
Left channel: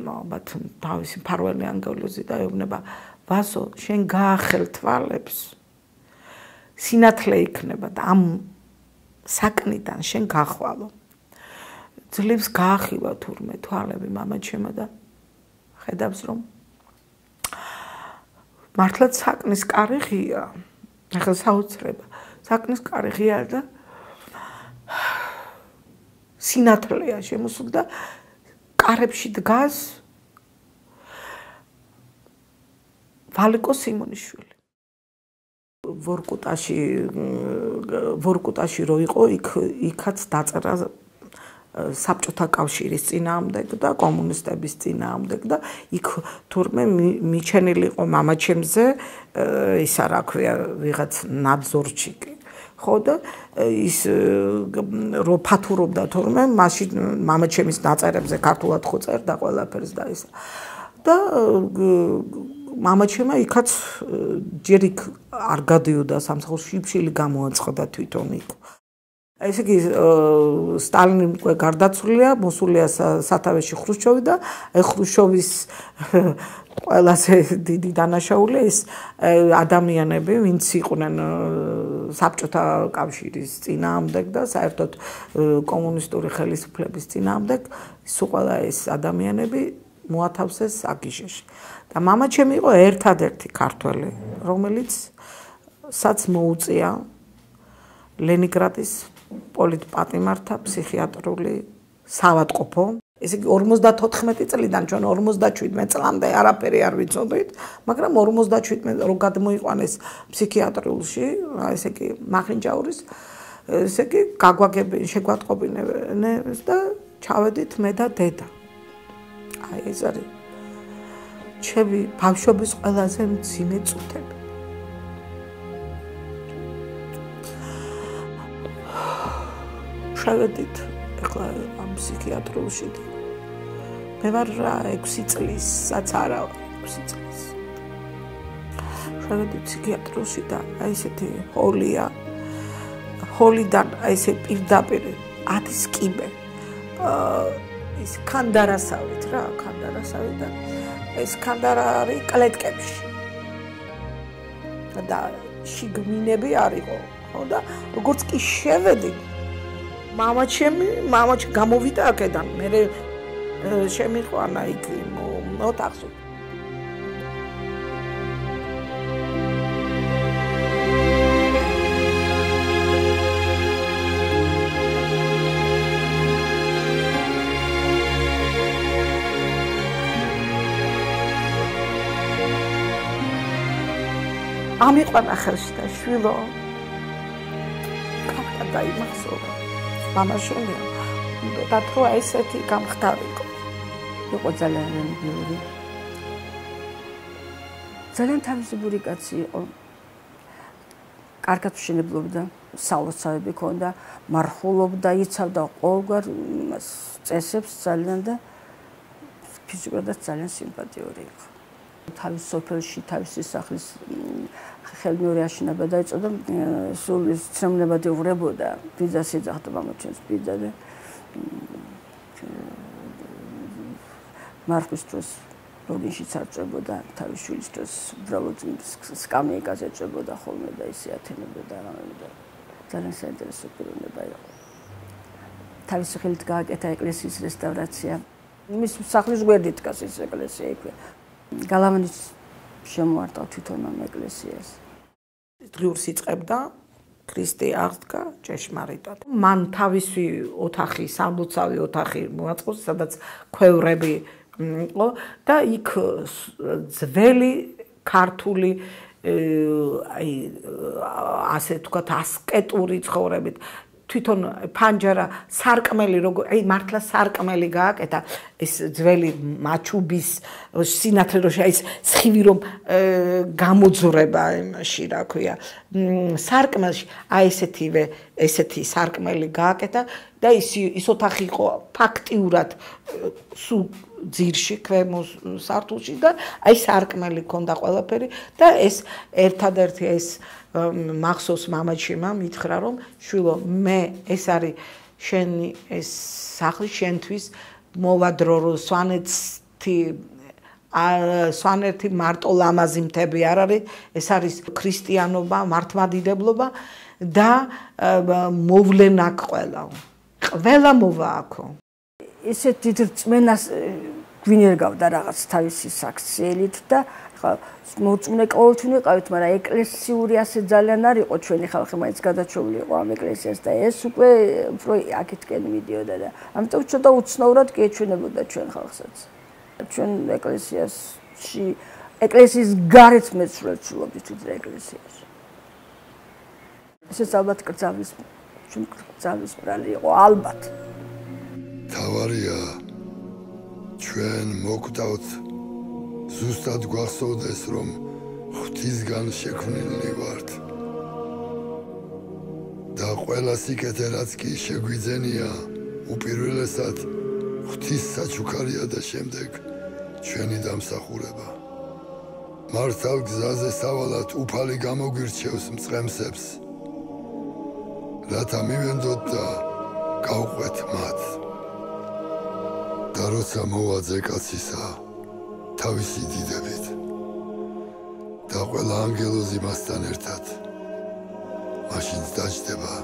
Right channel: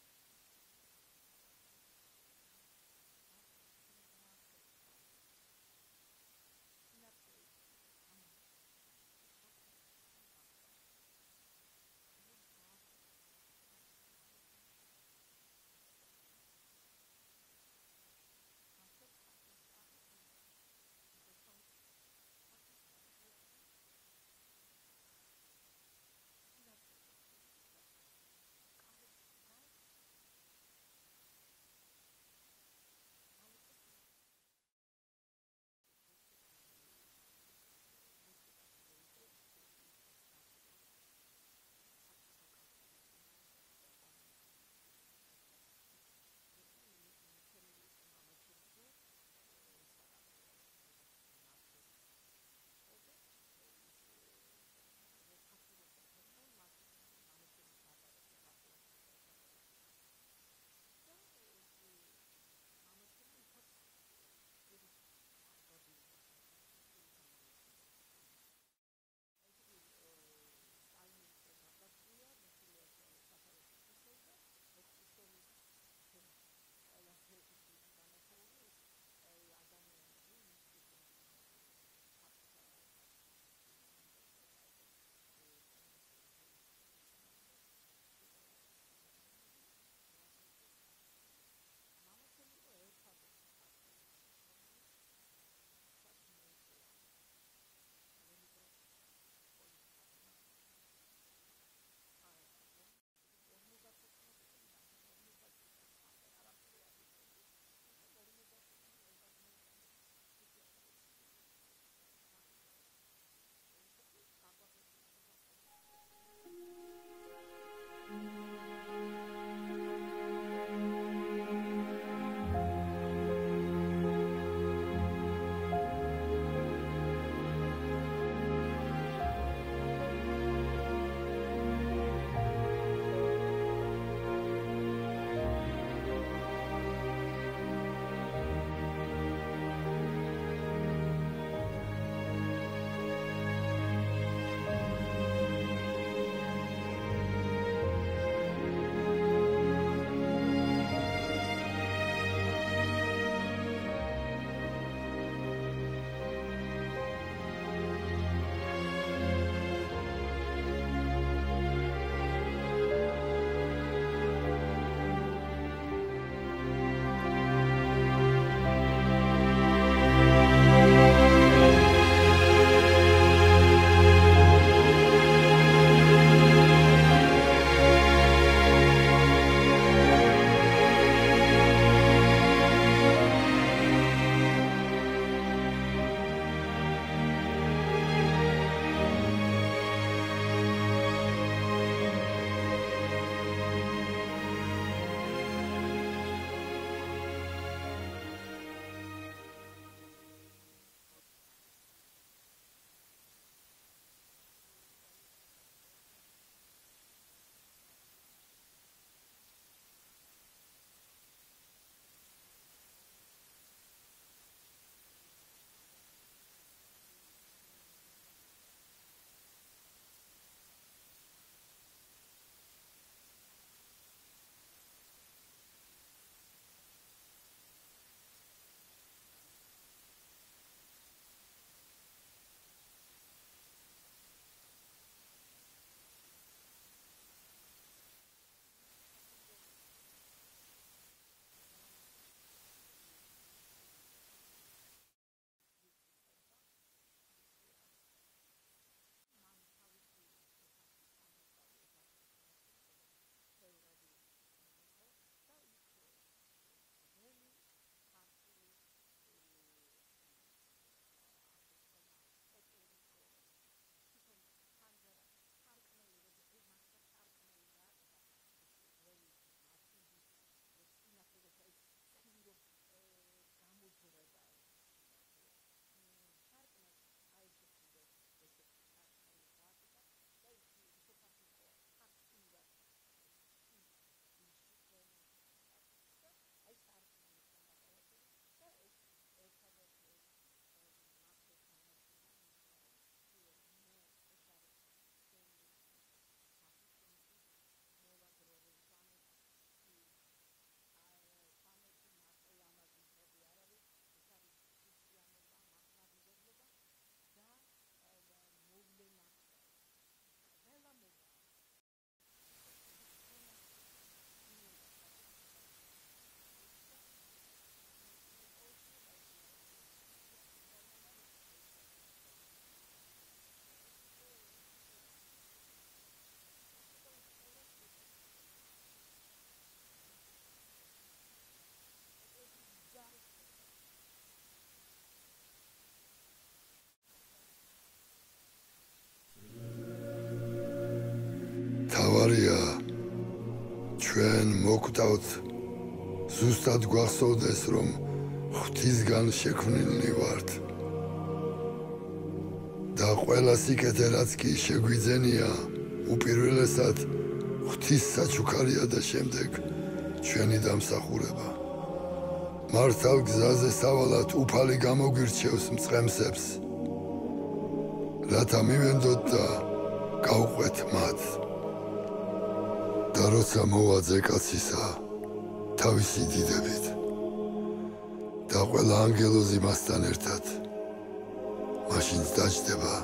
ალბათ თავისი ფარველი ანგელოზი და ეუბნება ვასო შენ გაახელ თვალებს სინათლე იქნება და ამ საკნიდან შენ გახვალო ძლებს გაახილა თურმე თვალები მამაჩემა და ხედავს რომ მართლაც საკნის კარი ღია. ახლა საოცრება. საკნის კარი ღია და სინათლეა შემოსული და კარებში დგას ვალიკო სიმონიშვილი. ვორკუტაში რო იყო, იქაც დაწერა საბჭოთა კავშირის წინააღმდეგ და კომუნისტების წინააღმდეგ და იქ თურმე მიჩენილი იყო მამაჩემზე ისა რა ქვია ვიღაც ნაძორჩიკი ხო და ის რო ფათურობდა თურმე მაშინ მამაჩემის დაწერებზე ქართულად ხო წერდა ყველაფერს და ისა და მამაჩემა იქაც ჯერ იქ არ გადიოდა სამსახურში შიფშილი გამოაცხადა თვითონ იქ ესე იგი სტალინი უკვე გარდაცვლილია, მოსულია სათავეში ხრუშჩოვი და ხრუშჩოვის ყველაზე დიდი დანაშაული ეს ადამიანები, ვინც იყვნენ საბჭოთა კავშირის წინააღმდეგ და საერთოდ კომუნისტური ხელისუფლების წინააღმდეგ, სულ ყველა ეს ადამიანები მოათავსეს აგიჟეში. და მამაჩემი იყო ერთადერთი ქართველი, რომელიც საც მოუწია ლენინგრადის პოლიტპატიმართა ფსიქიატრული საავადმყოფო. ესე იგი 54 წლიდან ჩვენ 57 წლამდე არაფერი არ ვიცოდით, მაგრამ 57 რო გადმოიყვანეს ფსიქიატრიულში, ესე იგი მახინჯაურის, ესე იგი შეგვატყობინეს და ჩავედით მე და დედა. აი ეს არის ჩემი ბავშვობის ყველაზე მძიმე წუთები. შევედით ახლა ამ ფსიქიატრიულში მე ვარ 6 წლისაც არა 6 წლის შევედით ფსიქიატრიულში და აი ესეთი ჰოლია ჰოლიდან აი ესე პირდაპირ 10 კიბე ეს კანდარასავით რა კანდარასავით და ეს კანდარა არის კლეტკებში და შიგმინები არისო ხო და როგორც კი შევედი მამაჩემი გამოვიდა აქედან მე შემიყვანა იქ ოთახში ამიყვანა ხელში და შვილო დაიმახსოვრა მამაშვილი და თუ ესეთი გამხდარიყო იყო ძალიან მიგიური ძალიან თავისებური კაცი იყო კარგად ვშენებლობდა სალოცავები ჰქონდა მარხულობდა იცავდა ყოველგვარ წესებს ძალიან და ფიზიკურად ძალიან სიმპათიური იყო თავის სოფელში თავისი სახლის ხელმეორე აშენება დაიწყო და სულ ცნობნებად უღრებოდა ბიძას ეძახდა მამაჩემს ბიძა და მარხვის დროს როდინში წარწებოდა თავის შვილის დროს უბრალოდ სკამიეკაზე ეწებოდა ხოლმე და ისე ათენებდა და ძალიან საინტერესო პიროვნება იყო თავის ხელით გააკეთა ეკლესიის რესტავრაცია მის სახლის გვერდით დგას ეს ეკლესია იქვე გალავანის შემოარტყა თვითონ ამ ეკლესიას დღიურს იწყებდა ქრისტე აღდგა ჭეშმარიტად მან თავისი ოთახი სამლოცავი ოთახი მოაწყოს სადაც ქვევრები იყო და იქ ძველი ქართული აი ასე თქვათ ასკეტური ცხოვრებით თვითონ ფანჯარა სარკმელი როგორ აი მართლა სარკმელი გააკეთა ეს ძველი მაჩუბის სინათლე რო აი ეს სხივი რომ გამოძრება იმაში რა ქვია სარკმელში აი ესეთი სარკმელი გააკეთა და ის ოთახი იყო ფაქტიურად სულ ძირში ქვემო სართულში და აი სარკმელი ქონდა ყველაფერი და ეს ერთადერთი ეს მახსოვს მამაჩემმა მითხრა რომ შვილო მე ეს არის შენი ეს სახლი შენთვის მოვადრო რომ სვანეთი მარტო ლამაზი მთები არ არის ეს არის ქრისტიანობა მართლმადიდებლობა და მოვლენ აქ ყველა მოვა აქო ისეთ დიდ რწმენას გვინერგავდა რაღაც თავისი საქციელით და მოწმე ყოველთვის ვიყავით, მაგრამ ეკლესიური ასე ძალიან არ იყო ჩვენი ხალხი, მაინც გადაჩეული იყო ამ ეკლესიას და ეს უკვე უფრო აქეთკენ მიდიოდა და ამიტომ ცოტა უცნაურად კი ეჩვენებოდა ჩვენ ხალხსაც. ჩვენ ეკლესიაში ეკლესიის გარეთ მეცვლელობდით ვიდრე ეკლესიაში. ეს ალბათ კრძალვის ბრალი იყო ალბათ. თავარია ჩვენ მოგვდავთ ზუსტად გვახსოვდეს რომ ღვთისგან შექმნილნი ვართ და ყველა სიკეთე რაც კი შეგვიძენია უპირველესად ღვთის საჩუქარია და შემდეგ ჩვენი დამსახურება მართალ გზაზე სავალად უფალი გამოგვირჩევს მწყემსებს რათა მივენდოთ და გავყვეთ მათ და როცა მოვაძე კაცისა თავისი დიდებით და ყველა ანგელოზი მასთან ერთად მაშინ დაჯდება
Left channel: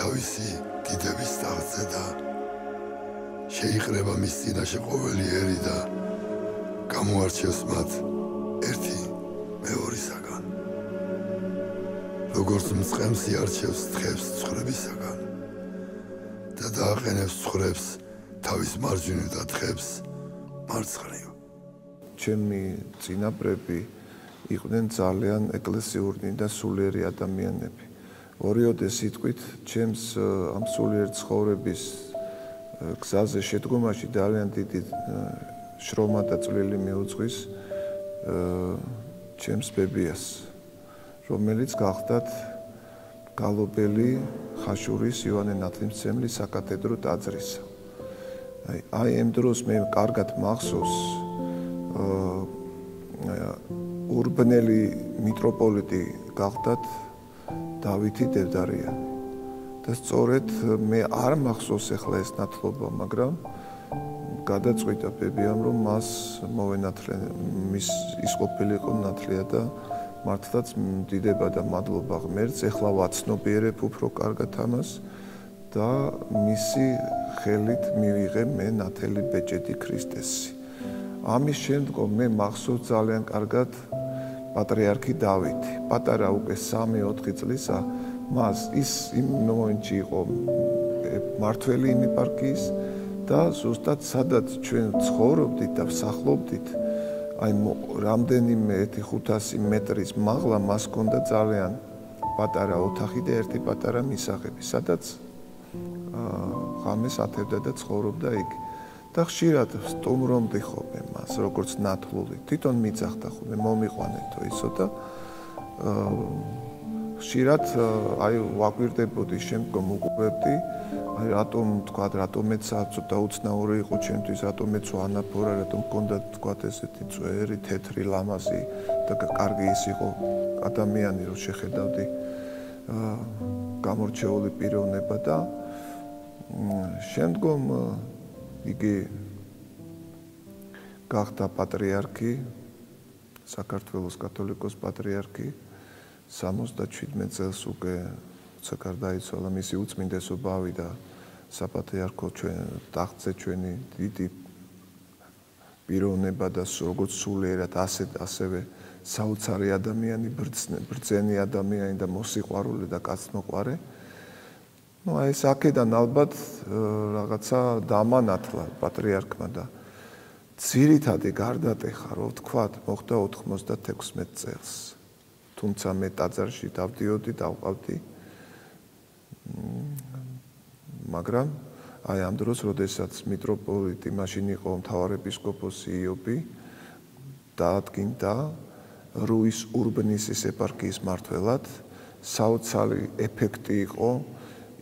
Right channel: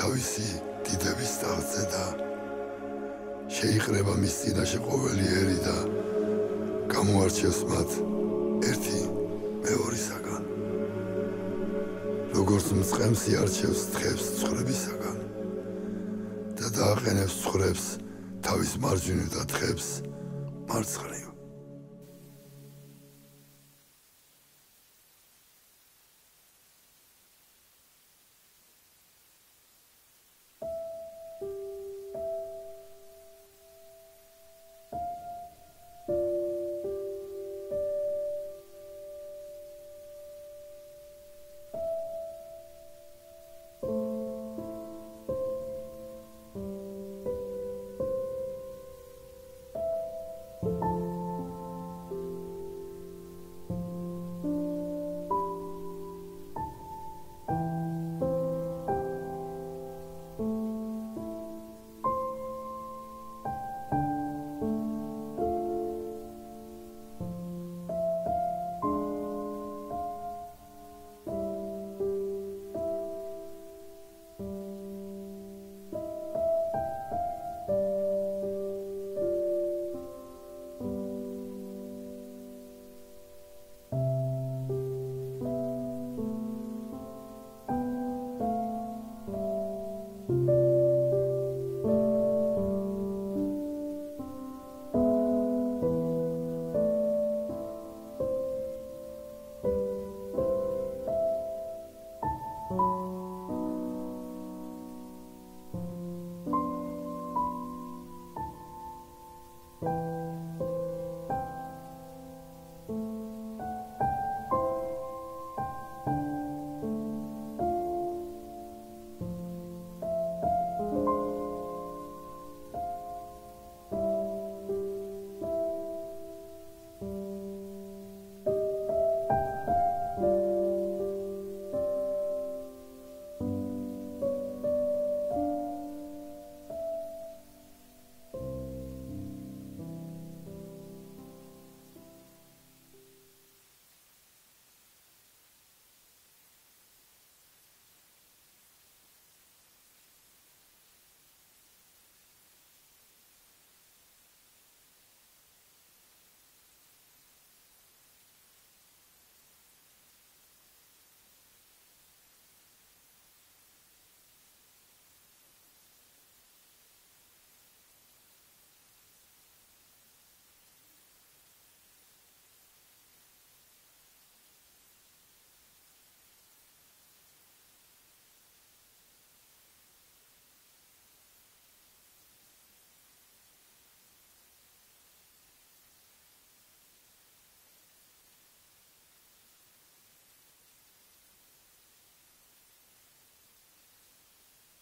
თავისი დიდების ტახტზე და შეიყრება მის წინაშე ყოველი ერი და გამოარჩევს მათ ერთი მეორისაგან როგორც მწყემსი არჩევს თხებს ცხვრებისაგან და დააყენებს ცხვრებს თავის მარჯვნივ და თხებს მარცხნივ ჩემი წინაპრები იყვნენ ძალიან ეკლესიური და სულიერი ადამიანები. ორიოდე სიტყვით ჩემს ამ სულიერ ცხოვრების გზაზე შედგომაში ძალიან დიდი შრომა და წვლილი მიუძღვის ჩემს ბებიას, რომელიც გახდათ გალობელი ხაშურის იოანე ნათლისმცემლის საკათედრო ტაძრისა. აი ამ დროს მე კარგად მახსოვს ურბნელი მიტროპოლიტი გახდათ დავითი დევდარია და სწორედ მე არ მახსოვს ახლა ეს ნათლობა, მაგრამ გადაწყვიტა ბებიამ რომ მას მოვენათლენ ის ყოფილი იყო ნათლია და მართლაც დიდება და მადლობა ღმერთს ახლა ვაცნობიერებ უფრო კარგად ამას და მისი ხელით მივიღე მე ნათელი ბეჭედი ქრისტესი. ამის შემდგომ მე მახსოვს ძალიან კარგად პატრიარქი დავითი. პატარა უკვე 3-4 წლისა მას ის იმ მომენტში იყო მართველი იმ ეპარქიის და ზუსტად სადაც ჩვენ ცხოვრობდით და ვსახლობდით აი რამდენიმე 1-500 მეტრის მაღლა მას ჰქონდა ძალიან პატარა ოთახი და ერთი პატარა მისაღები, სადაც ღამეს ათევდა და ცხოვრობდა იქ. და ხშირად სტუმრობდი ხოლმე მას, როგორც ნათლული. თვითონ მიძახდა ხოლმე, მომიყვანეთო ისო და ხშირად აი ვაკვირდებოდი, შემდგომ უყურებდი, აი რატომეც ცოტა უცნაური იყო ჩემთვის, რატომეც ვანაფორა, რატომ მქონდა თქვა ესეთი წვერი, თეთრი, ლამაზი და კარგი ის იყო ადამიანი, რომ შეხედავდი გამორჩეული პიროვნება და შემდგომ იგი გახდა პატრიარქი, საქართველოს კათოლიკოს პატრიარქი 77 წელს უკვე გარდაიცვალა მისი უწმინდესობა ავიდა საპატრიარქო ტახტზე ჩვენი დიდი პიროვნება და როგორც სულიერად ასევე საოცარი ადამიანი, ბრძენი ადამიანი და მოსიყვარული და კაცმოყვარე. Ну, აი ეს აქედან ალბათ რაღაცა დამანათლა პატრიარქმა და ძირითადი გარდატეხა, რო ვთქვათ, მოხდა 96 წელს. თუმცა მე ტაძარში დავდიოდი, დავყავდი. მაგრამ აი ამ დროს, როდესაც მიტროპოლიტი მაშინ იყო მთავარეპისკოპოსი იობი, დაადგინდა რუის ურბნისის ეპარქიის მმართველად, საოცარი ეფექტი იყო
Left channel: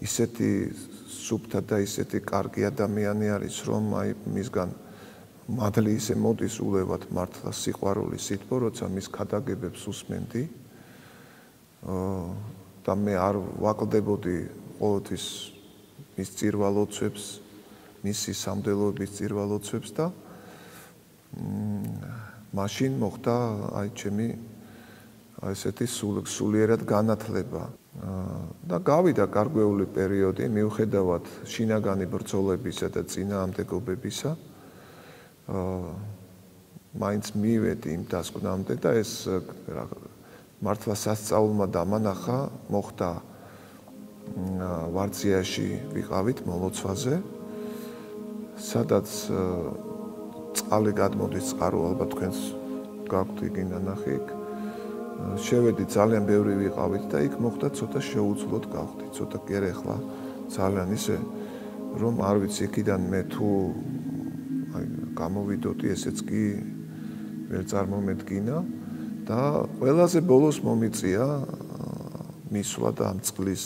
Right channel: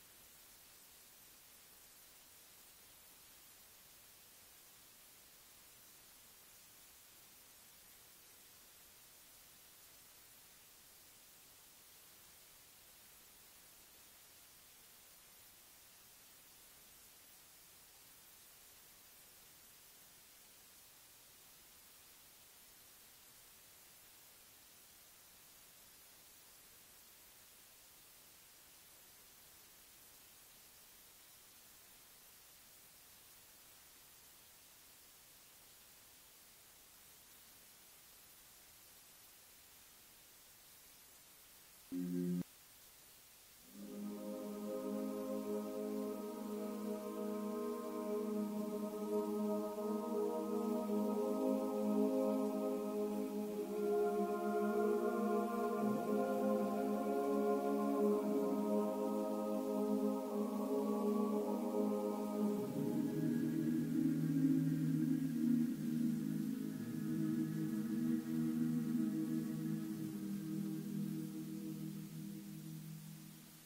ისეთი სუფთა და ისეთი კარგი ადამიანი არის, რომ აი მისგან მადლი ისე მოდის ულევად მართლა სიყვარული სითბო, როცა მის ქადაგებებს უსმენდი. და მე არ ვაკლდებოდი ყოველთვის მის წირვალოცვებს, მისი სამდელოების წირვალოცვებს და მაშინ მოხდა აი ჩემი აი ესეთი სულიერად განათლება. და გავიდა გარკვეული პერიოდი, მიუხედავად შინაგანი ბრძოლებისა და წინააღმდეგობებისა, მაინც მივედი იმ დასკვნამდე და ეს მართლა სასწაულმა დამანახა, მოხდა ვარძიაში ვიყავით მოლოცვაზე, სადაც წყალი გადმოდის წყარო, ალბათ თქვენს გაქვთ იგი ნანახი იქ. შევედი ძალიან ბევრი ვიყავით და იქ მოხდა ცოტა შეუძლოდ გავხდი, ცოტა კი არა ახლა ძალიან ისე რომ არ ვიცი იქიდან მე თუ აი გამოვიდოდი, ესეც კი ვერ წარმომედგინა და ყველაზე ბოლოს მომიწია მისვლა და ამ წყლის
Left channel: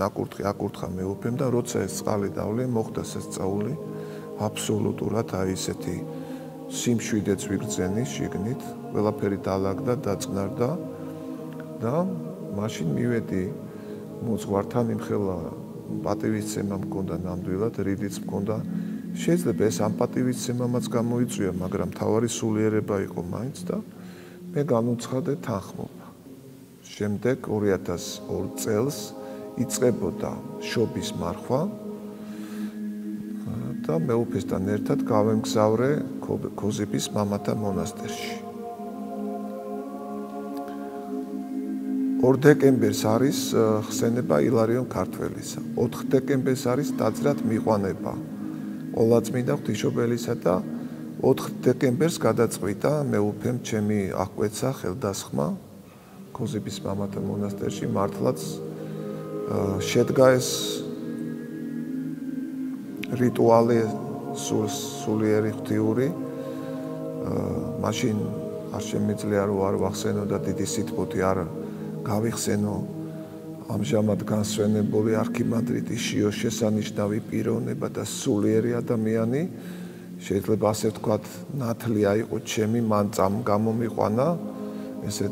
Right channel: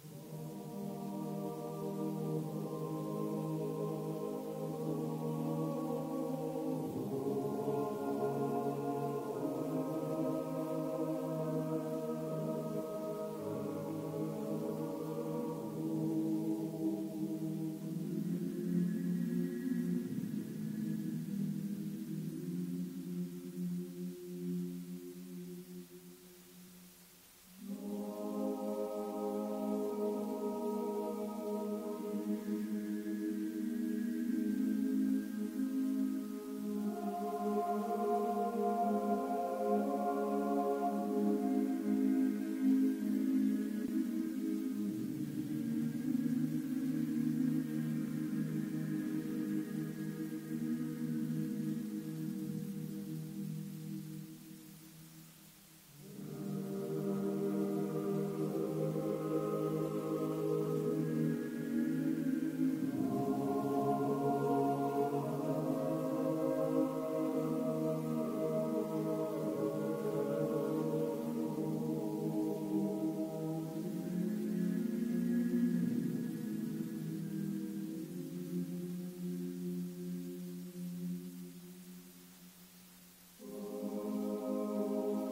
ნაკურთხი აკურთხა მეუფემ და როცა ეს წყალი დავლე, მოხდა სასწაული აბსოლუტურად აი ესეთი სიმშვიდეც ვიგრძენი შიგნით, ყველაფერი დაალაგდა, დაწყნარდა და მაშინ მივედი მოძღვართან იმხელა პატივისცემა მქონდა ნამდვილად, რიდიც მქონდა. შეიძლება ეს ამ პატივისცემამაც გამოიწვია, მაგრამ თავარი სულიერება იყო მაინც და მე განუცხადე თანხმობა. შემდეგ 2002 წელს იწყებოდა შობის მარხვა და მეუფესთან ერთად გავემგზავრე ქოზიბის მამათა მონასტერში. 2 დეკემბერს არის ხსენება ილარიონ ქართველისა. 4 დეკემბერს არის ტაძრად მიყვანება ყოლაწმინდა ღვთისმშობელისა და 4 დეკემბერს გადაწყვიტა მეუფემ ჩემი აღკვეცა ხელდასხმა ქოზიბის მამათა მონასტერში მართლაც შედგა ეს რიტუალი სულიერი ღვთიური. მაშინ არ შემიძლია რომ არ ვახსენო და დიდი სიტყვოთი არ გავიხსენო ამჟამად განსვენებული არქიმანდრიტი შიო შესანიშნავი პიროვნება და სულიერი ადამიანი. შეიძლება ასე ვთქვათ, ნათლი აიყო ჩემი, მან გამომიყვანა ესე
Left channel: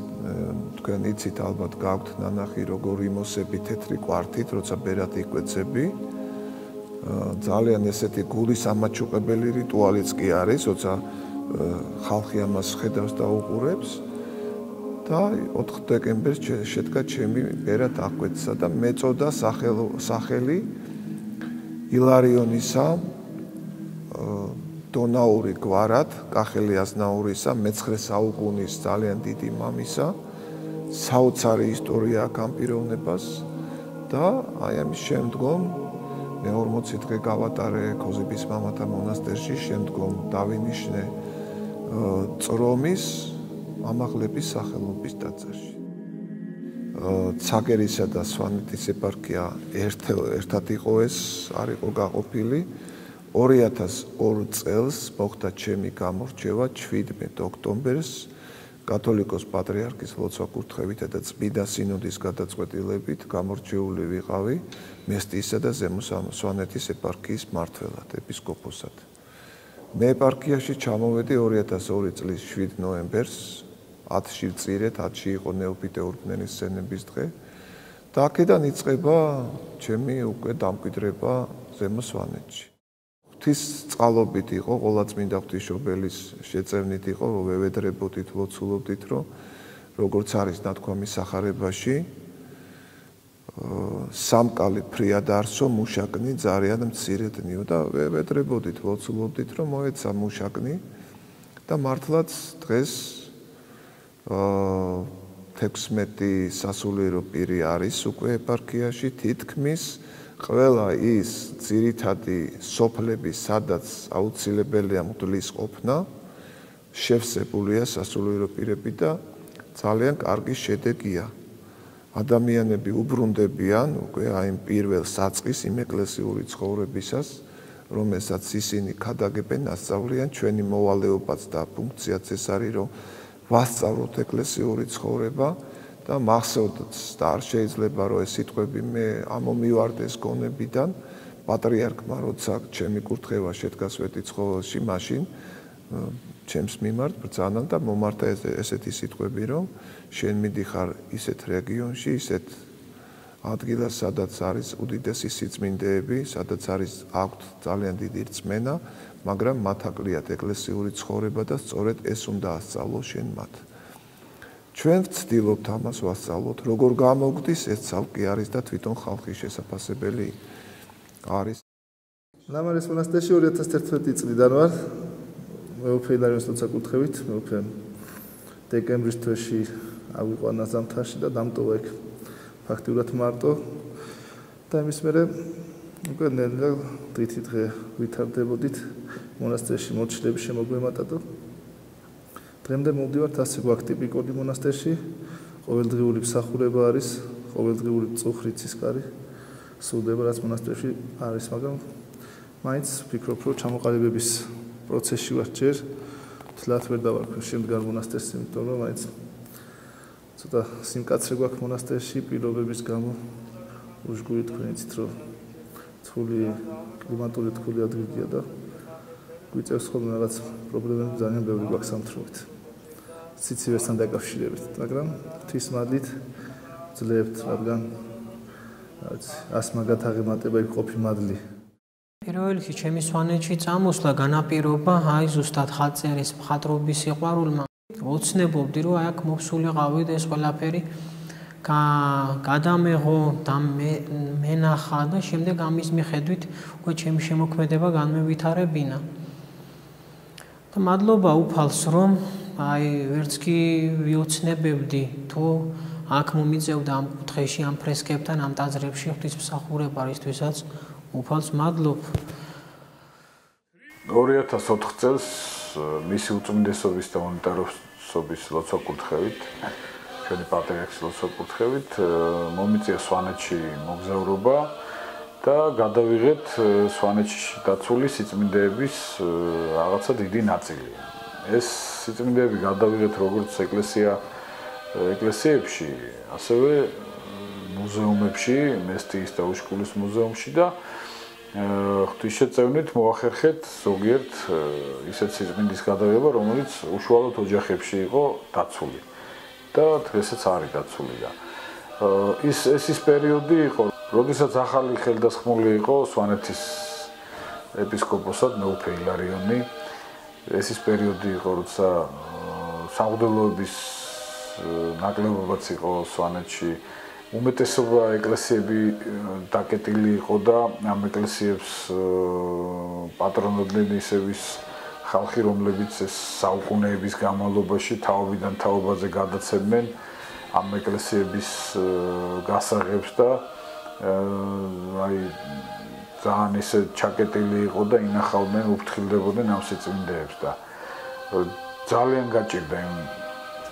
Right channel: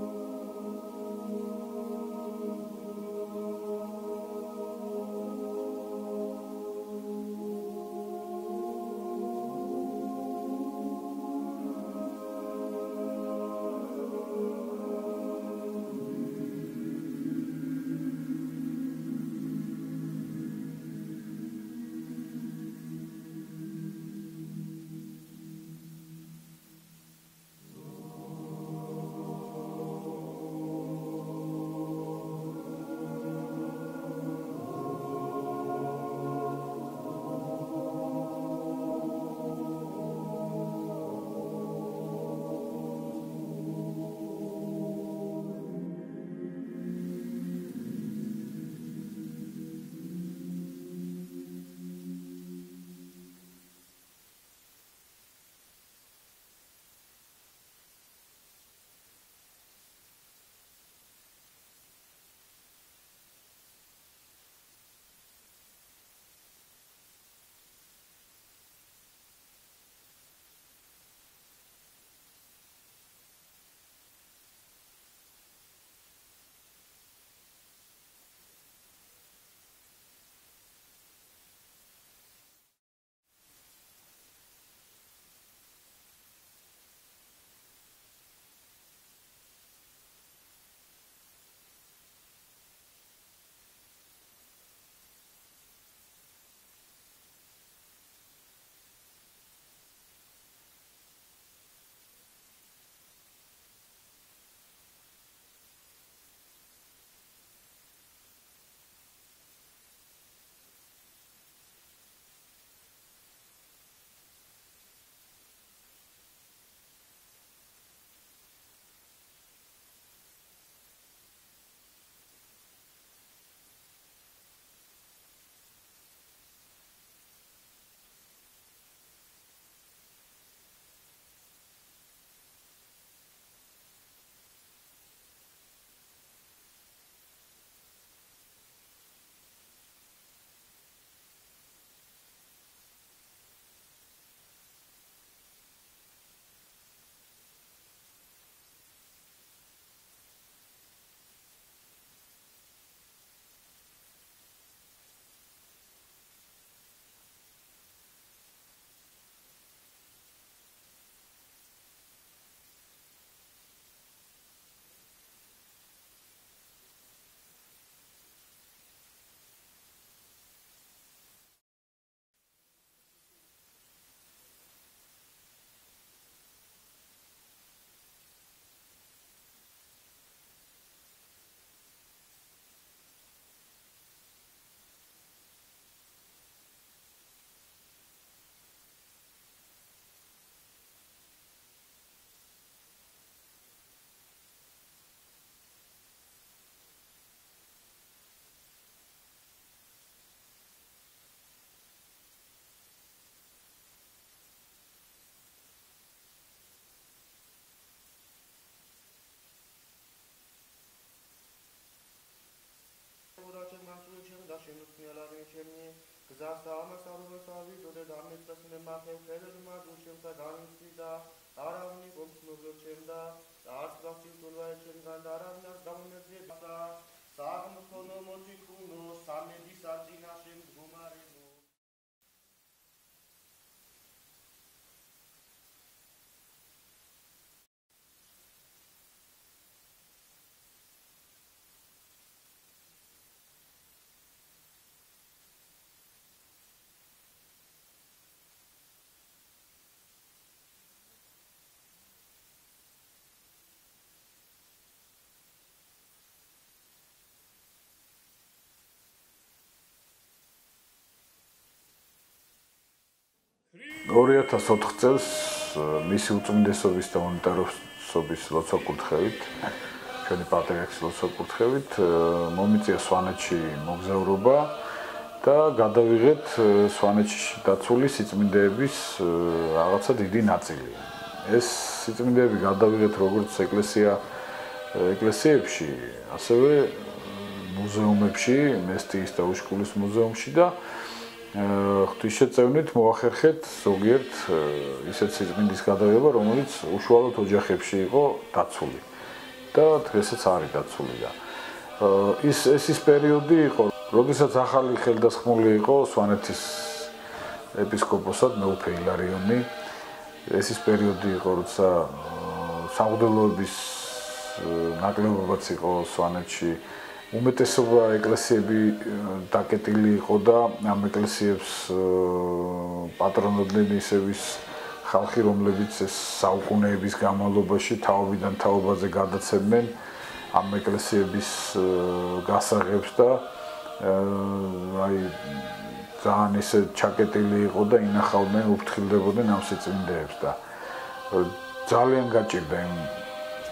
თქვენ იცით ალბათ გაქვთ ნანახი როგორ იმოსები თეთრი კვართით, როცა ბერად იკვეცები. ძალიან ესეთი გულის ამაჩუყებელი რიტუალიც კი არის, როცა ხალხი ამას ხედავს და უყურებს. და 4 დეკემბერს შედგა ჩემი ბერად აღკვეცა და მეწოდა სახელი ილარიონისა დონაური გვარად, კახელი აზნაურისა, მე-9 საუკუნის ძალიან დიდი მამისა. საოცარი ისტორია აქვს ამ პიროვნებას და აი ამის შემდგომ მე 40 დღე გავატარე ქოზიბის მამათა მონასტერში, შემდგომ დავინიშნე წრომის ამაღლების სახელობის ტაძარში. ცაგერისა და სვანეთის ეპარქია ერთად იყო ეს, არ იყო გაყოფილი. 2002 წელს მოხდა ჩემი გამორჩევა 17 ოქტომბერს კათოლიკოს პატრიარქის ლოცვა-კურთხევითა და წმინდა სინოდის გადაწყვეტილებით გამორჩეული ვიყავი მესტიისა და ზემო სვანეთის ეპარქიის მმართველად, ეპისკოპოსად. მე ეპარქიაში ჩამოვედი 2002 წლის 7 ნოემბერს, 10-ში ვწირეთ, 10-ში იყო ნეოფიტეურბნენის სცენების დღე და აქედან იწყება ჩემი უკვე დამკვიდრება ზემო სვანეთში. ღვთის წყალობით იყო, ყოვლადწმინდა ღვთისმშობელის შეწევნით იყო, რომ ვევედრებოდით, ლოცულობდით, რომ როგორც არის ნათქვამი სახარებაში, სამკალი ფრიად არსო, მუშაკნი ძალიან მცირედნიო და ვევედრებოდით, ლოცულობდით, რომ მოეცა მუშაკნი და მართლაც დღეს 16 სასულიერო პირი არის უკვე ეპარქიაში, თითქმის ყველა ის ძირითადი სოფლები, სადაც აუცილებელია მღვდლის ყოფნა, შევსებულია სასულიერო პირები და ძალიან კარგი შედეგია. ადამიანები უბრუნდებიან უკვე აი პირველ საწყის იმ ეკლესიური ცხოვრებისას, რომელსაც ისინი ქადაგებენ, ასწავლიან, ჩვენი მოვალეობაც და ფუნქციაც ეს არის, რომ ვასწავლოთ ეკლესიური ცხოვრება და მახსოვდეთ და არ შეიძლება რომ ეს სიტყვები მე ამომივარდეს გონებიდან პატრიარქმა როცა ჩემი კურთხევა შედგა სვეტიცხოველში მაშინ ჩემს მიმართ ბრძანა და მომართა ესეთი სიტყვები რომ შენ მიდიხარ ისეთ რეგიონში ისეთ ადგილას სადაც არის უდიდესი სიწმინდეები სადაც არის აქვთ ძალიან დიდი რწმენა მაგრამ მათ აკლიათ ეკლესიური ცხოვრება და სწორედ ეს უნდა ასწავლო შენ მათ ჩვენ ვცდილობთ ამას ვასწავლოთ, როგორ გამოგდის, ეს ცალკე არის და თვითონ ხალხის შესაძლებელი არის. ლამარის მონასტერში 2011 წლიდან ვარ. მეუფე ილარიონის ლოცვა-კურთხევით, მეუფე დეკემბრის თვეში ავიყვანა ზამთარში და დამტოვა იქ ფაქტიურად მარტო. და იმის მერე უკვე ნელა დღითი დღე ვითარდებოდით მონასტერში მოჩილების შემოგვემატა და დღემდე მოვდივართ ასე გვაქვს ტიპიკური მონასტერში, ყოველდღიური მსახურება არის, ყოველდღიური წუხრით სისკარი სრულდება, რაც მონასტერში არის, მაგრამ მაინც ვფიქრობ, რომ ჩამოყალიბების პროცესში ვარ ჯერ, თლათ ვერ დავარქვი შემდგარ მონასტერს, იმიტომ რომ მაინც ცოტა სიმკაცრე გვაქვს მონასტერში პირობების გამო, უშგური თქვენით, რომ თული კლიმატური თული ადგილია და გვიწევს ხოლმე რაღაც პრობლემები ძალიან ბევრი გვაქვს სამთრობით. სიცივესთან დაკავშირებით, მაგრამ ღვთის მადლით ძლევთ, რადგან ას მაგათ აღემატება იქ ყოფი მადლი. პირველ რიგში ჩემი სვანეთში წამოსვლა განაპირობა აი ზუსტად ხალწერის მხატვრობის სიყვარულმა. ოცნებობდი, რომ აი აქ მოვსულიყავი და ეს ყველაფერი გადამეღო და მენახა და შემდეგ ამის მიხედვით უკვე ჩემი შემოქმედება განმევითარებინა. და მადლობა უფალს, რომ აი ვერც კი ვიოცნებებდი თუ აქ მომიწევდა ამ კუთხეში ამ ფრესკებთან ამ ტაძრებში ღვთისმსახურება რისთვისაც უფალს მადლობ. 2004 წელს მისი უწმინდესობის და მონიტაროსობის ლოცვა-კურთხევით ჩვენი პატრიარქის ლოცვა-კურთხევით მომიწია სვანეთში მოგზაურობა და გადავიღეთ სვანეთში დაცული სიწმინდეების რაღაცა დიდი ნაწილი. ეს სიწმინდეები გადავიღეთ როგორც ეკლესიებში, ასევე მუზეუმებში, მესტიის და უშკულის მუზეუმში და ღვთისშეწევნით მოახერხეთ ზოგიერთ ისეთ სიწმინდის გადაღება, რომელიც უშუალოდ ოჯახებში იყო დაცული და დღესაც არის დაცული და ის პერიოდი იყო, როდესაც ახალი ხელდასხმული იყო სვანეთის ეპისკოპოსად მეუფე ილარიონი. ეს პერიოდი იყო, როცა სამღვდელოების ნაკლებობაც იყო სვანეთში. უმეტესობა ეკლესიები დაკეტილი იყო და ამ ეკლესიებს პატრონობდნენ ისევის ხალხი, რომლებიც ეს საუკუნეების განმავლობაში თაობიდან თაობაზე გადაცემდნენ ამ ეკლესიების გასაღებს და აი ძალიან ისე ჩაკეტილი იყო და ინახავდნენ, უფრთხილდებოდნენ ამ სიწმინდეებს და ძალიან გაჭირდა იმ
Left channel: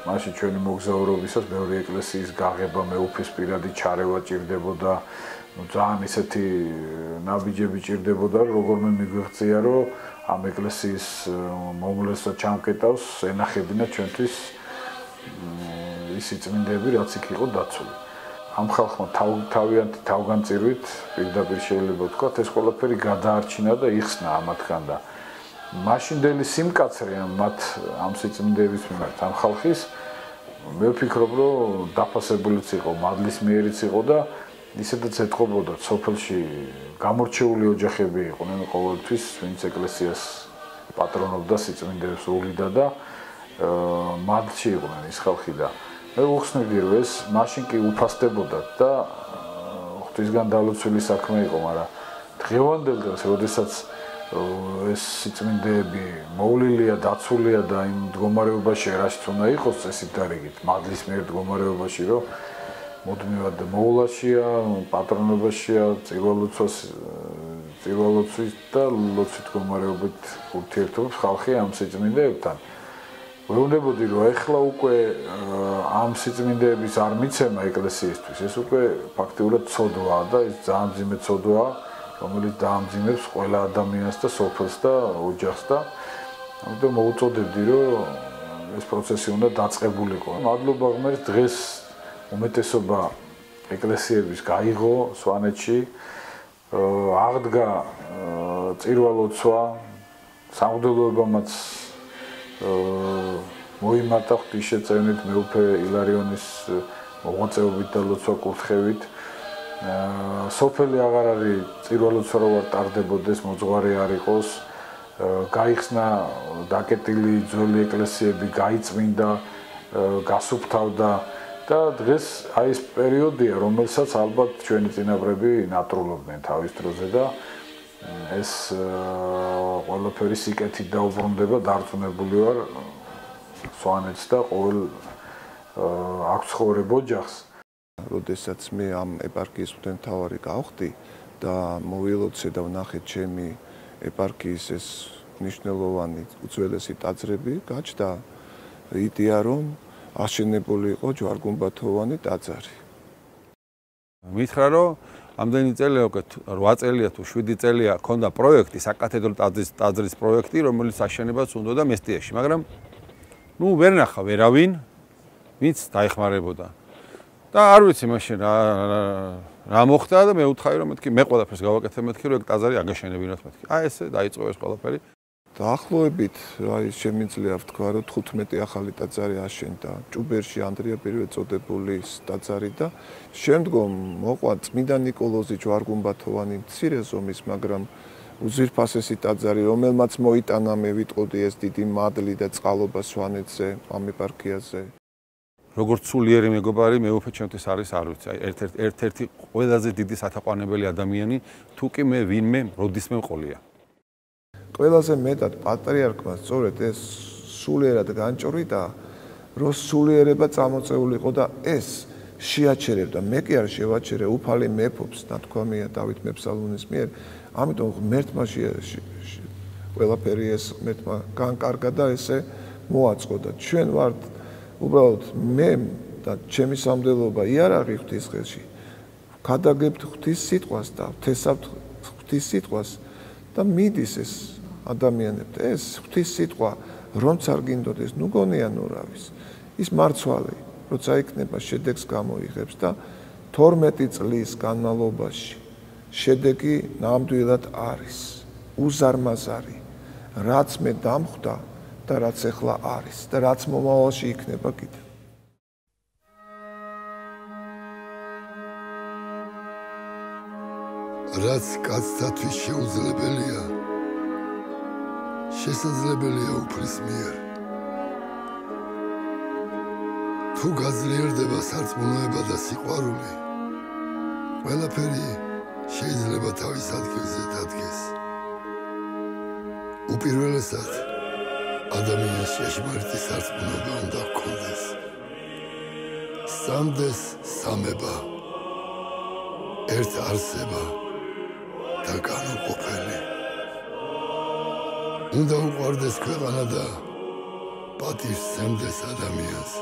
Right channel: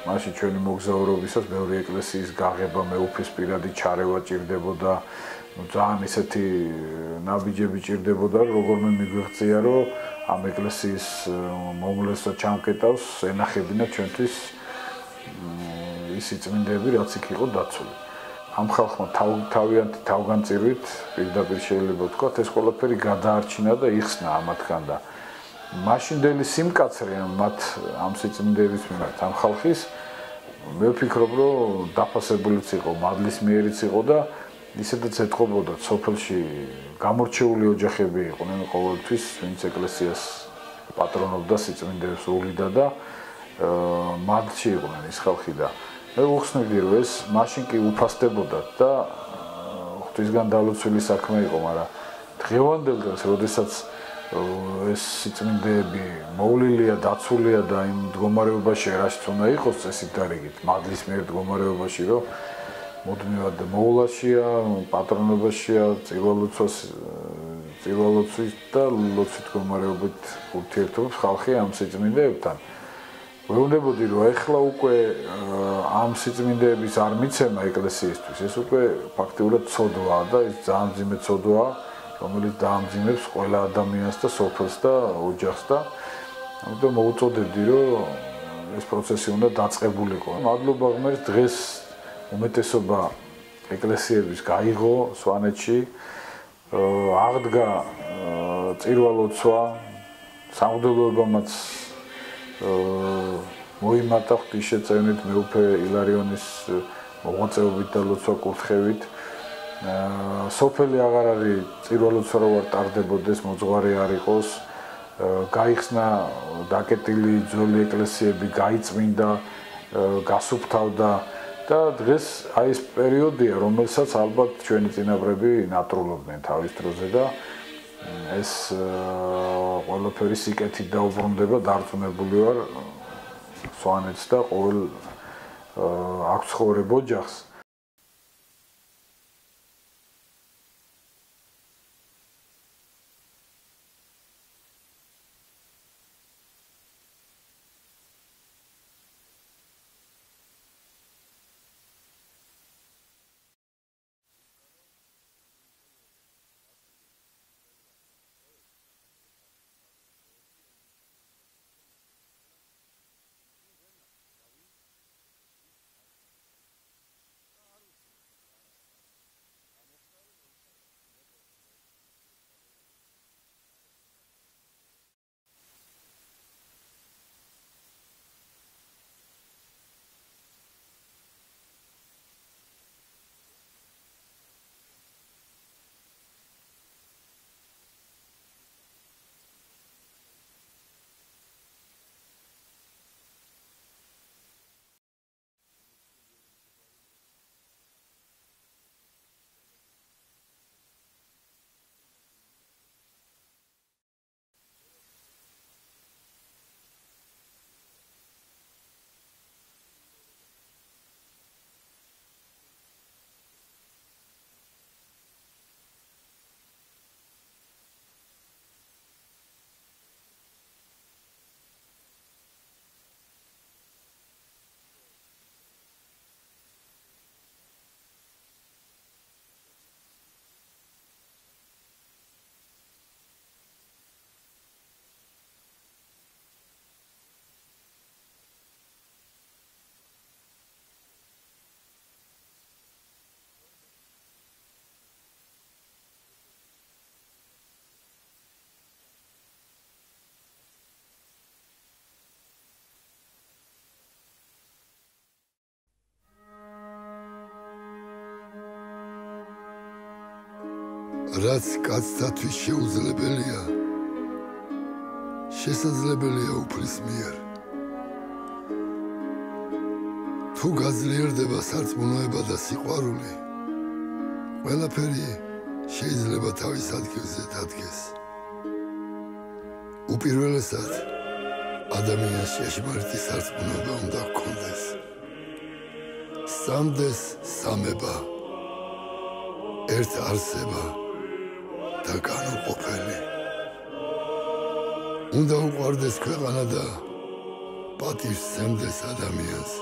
მაშინ ჩვენი მოგზაურობისას მეორე ეკლესიის გაღება მეუფის პირადი ჩარევა ჭირდებოდა ძალიან ისეთი ნაბიჯები ჭირდებოდა როგორმე მიგვიღწია რომ ამ ეკლესიის მომლესა ჩამკეტავს ენახებინა ჩვენთვის ისი წმინდები რაც იქ იყო დაცული ამ ხალხმა თავიანთი თავგანწირვით პირდაპირ შეიძლება ვთქვათ ეს ყველაფერი გადაარჩინა და იხსნა ამათგან და მაშინდელი სიმკაცრე მათ ამ სიწმინდეების მიმართ ამ ხალხის მე ვფიქრობ რომ დაფასებულიც იყო მადლის მიერიც იყო და ისედაც ეთყობოდა სოფელში გამორჩეული ოჯახები იყვნენ ყოველთვის ვინც ეკლესიას პატრონობდა სიწმინდეებს უვლიდა და მადლში იყვნენ ის ხალხი და მე ვუხსნიდი რომ ეს მაშინ კი უფასდებოდათ და ღვთისგან დალოცვილი საქმე იყო მაგრამ დღევანდელ დღეს როდესაც ეს სიწმინდეები მოვლილია დაცულია და იმ მდგომარეობაში რაშიც უნდა იყოს წესით და რიგით მადლის მიერ მდგომარეობაში რომ მუდმივად მოვლაშია პატრონებაშია წირვალოცვით და ლოცვით მდგომარეობით ურთიერთობს ხალხი ამ სიწმინდეებთან ვეუბნებოდი რომ ეხლა უკვე ამ სიწმინდეების არ მიცემა ეკლესიისთვის ეს უკვე ფაქტიურად ცოდვაა და ეს ძალიან მძიმე ცოდვაა რომელიც დაამძიმებს ყველა ადამიანს და სოფელს და ოჯახს და ამიტომ მოუწოდებდი რომ ეს პროცესი უნდა დაწყებულიყო. მადლობა ღმერთს დღეს უმეტესობა ეკლესიების გაიღო სვანეთში აღდგა წირვალოცვა სამღვდელოებამაც მოიმატა ღვთისშეწევნით მეუფე ილარიონის მოღვაწეობით და ლოცვა კურთხევით სოფელი აღარ არის წირვალოცვა რო არ ტარდებოდეს მოძღვარი არ იყოს გაიხსნა დაკეტილი ძველი ეკლესიები გაიწმინდა გასუფთავდა და დღეს აი ეს პერიოდია რომელსაც ალბათ ჩვენი წინაპრები ნატრულობდნენ თავის დროზე და ეს ყველაფერი სიკეთით დაუბრუნდება დარწმუნებული ვარ სვანეთს და ყოველ აქ ცხოვრებ ოჯახს როდესაც მე ამ ეპარქიის მღვდელმთავარი გავხდი და მოვილოცე და ვნახე ჩემი ეპარქიის ეს მნიშვნელოვანი უძველესი ტაძრები გაჩნდა იდეა რომ აშენებული იყო ჯვარგუმბათოვანი ტაძარი. მითხრა რომ ამდენი წელია უკვე 8 წელია თუ 7 წელია ქონდა პროექტი საკათედრო ტაძრის პროექტი რომელიც აშენებას უნდოდა მესტიაში მაგრამ ნუ ვერ ნახა ვერავინ ვინც დაეხმარებოდა და არ ვიცი მაშინ რა მოხდა და მე უთხარი რომ მეთქი მე ყველაფერს გავაკეთე მეთქი რომ ეგ ტაძარი აგაშენებინოთ მეთქი აი ესე დაიწყო ეს ყველაფერი დაახლოებით აი შემიძლია ვთქვა რომ 15 ახალი ტაძარი აშენდა ჭუბერში ანდრია პირველ წოდებული ტაძარი და შემდგომ მოყვა წმინდა ნიკოლოზი ჯვარგუმბათოვანი მცირე ზომის მაგრამ უძვირფასესი ტაძარი რომელმაც მოიტანა მე ვიტყოდი ეს დიდი მადლი და წყალობა სვანეთზე ამ ეპარქიაზე როგორც სულიერი მეგობარი მეუფე ჩემთვის არის არ ვიცი აი ერთ-ერთი ყველაზე დიდი სათაყვანებელი ადამიანი თუ კი მე ვინმე როდისმე მყოლია ყველაზე მეტად პატრიარქმა სწორედ ეს სულიერად განჭვრიდა რომ სულიერება წამოწეულიყო და ეს შეაჩერებდა მე კი არ შევაჩერე უფალი მეფობს ნათქვამია დავით მეფსალმონის მიერ ამიტომ ღმერთმა ყველაფერი ეს ღმერთმა განკარგა და ესე მოაწყო და ჩვენ ვართ უბრალოდ მე და ჩემი სამდელობა იარაღი ღვთისხელში გადაგებთ ღვთის სიტყვას და ვთესავთ ღვთის სიტყვას და მიდის ეს ადამიანებთ ეს ღვთის სიტყვა რომც არ გინდოდეს ნუ გონიანურავის ის მარცვალი როცა იქნება შედეგს გამოიღებს და 12 წლის განმავლობაში შედეგი ნამდვილად არის უზარმაზარი რაც მე დამხვდა და რაც ახლა არის და რაც მომავალში იქნება კიდე რაც კაცთათვის შეუძლებელია შესაძლებელია უფლის მიერ თუ გაძლიერდება სარწმუნოება და სიყვარული ყველაფერი შეიძლება თავის ადგილზე დადგეს უპირველესად ადამიანს ჭეშმარიტი სარწმუნოება უნდა ჰქონდეს სამდეს სამება ერთ არსება და განუყოფელი უნდა უყვარდეს ქვეყანა და პატივს სცემდეს ადამიანს,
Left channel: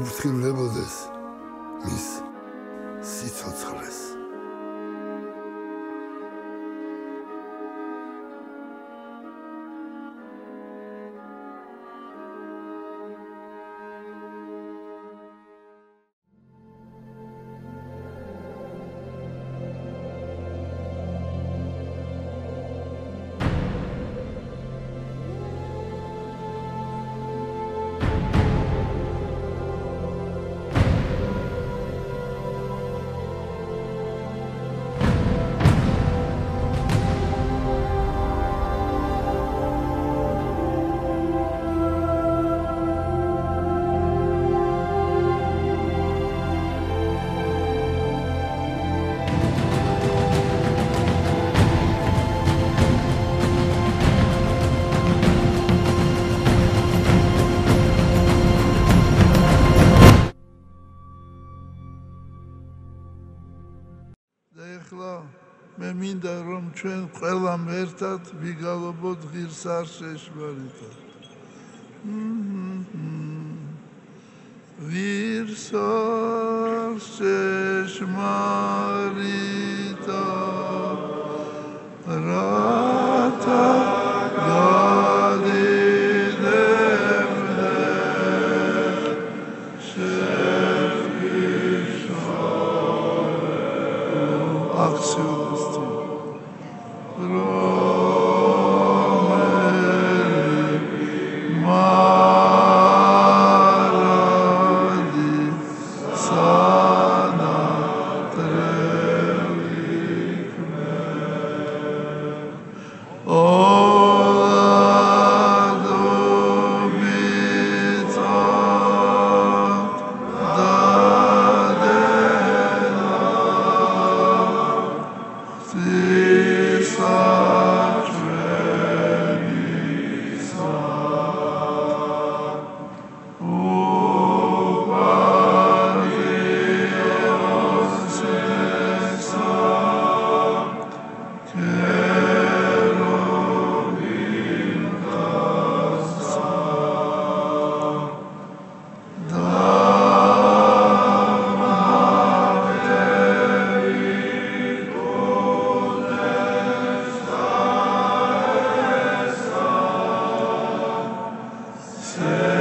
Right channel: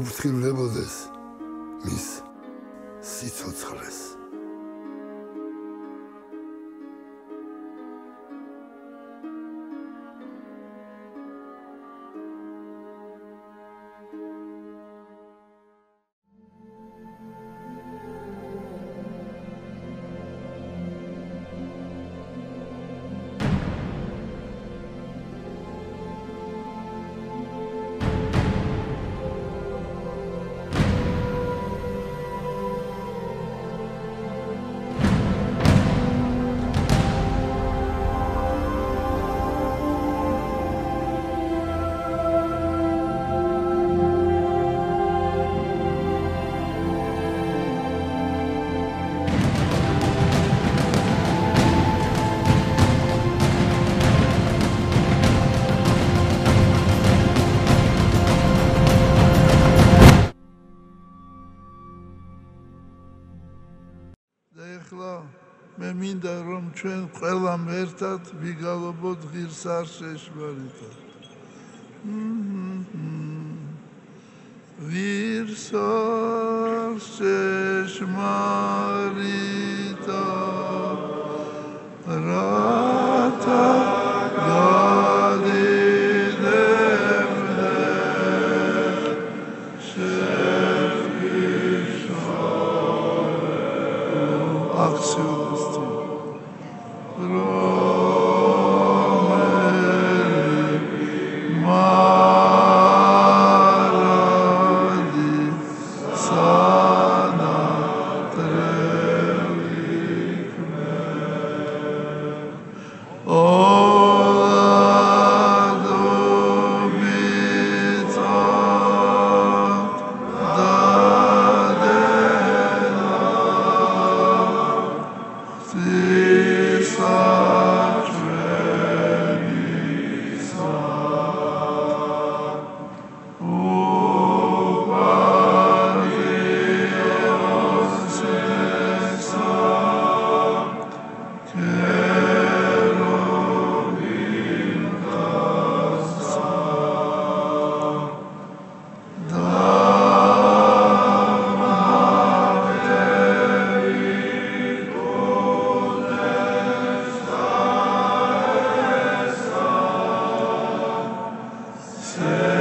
უფრთხილებოდეს მის სიცოცხლეს. მე მინდა რომ ჩვენ ყველამ ერთად ვიგალობოთ ღირს არ შეშმარიტად. ღირს არ შეშმარიტად რათა გადიდებდე აქციონისტი Yeah.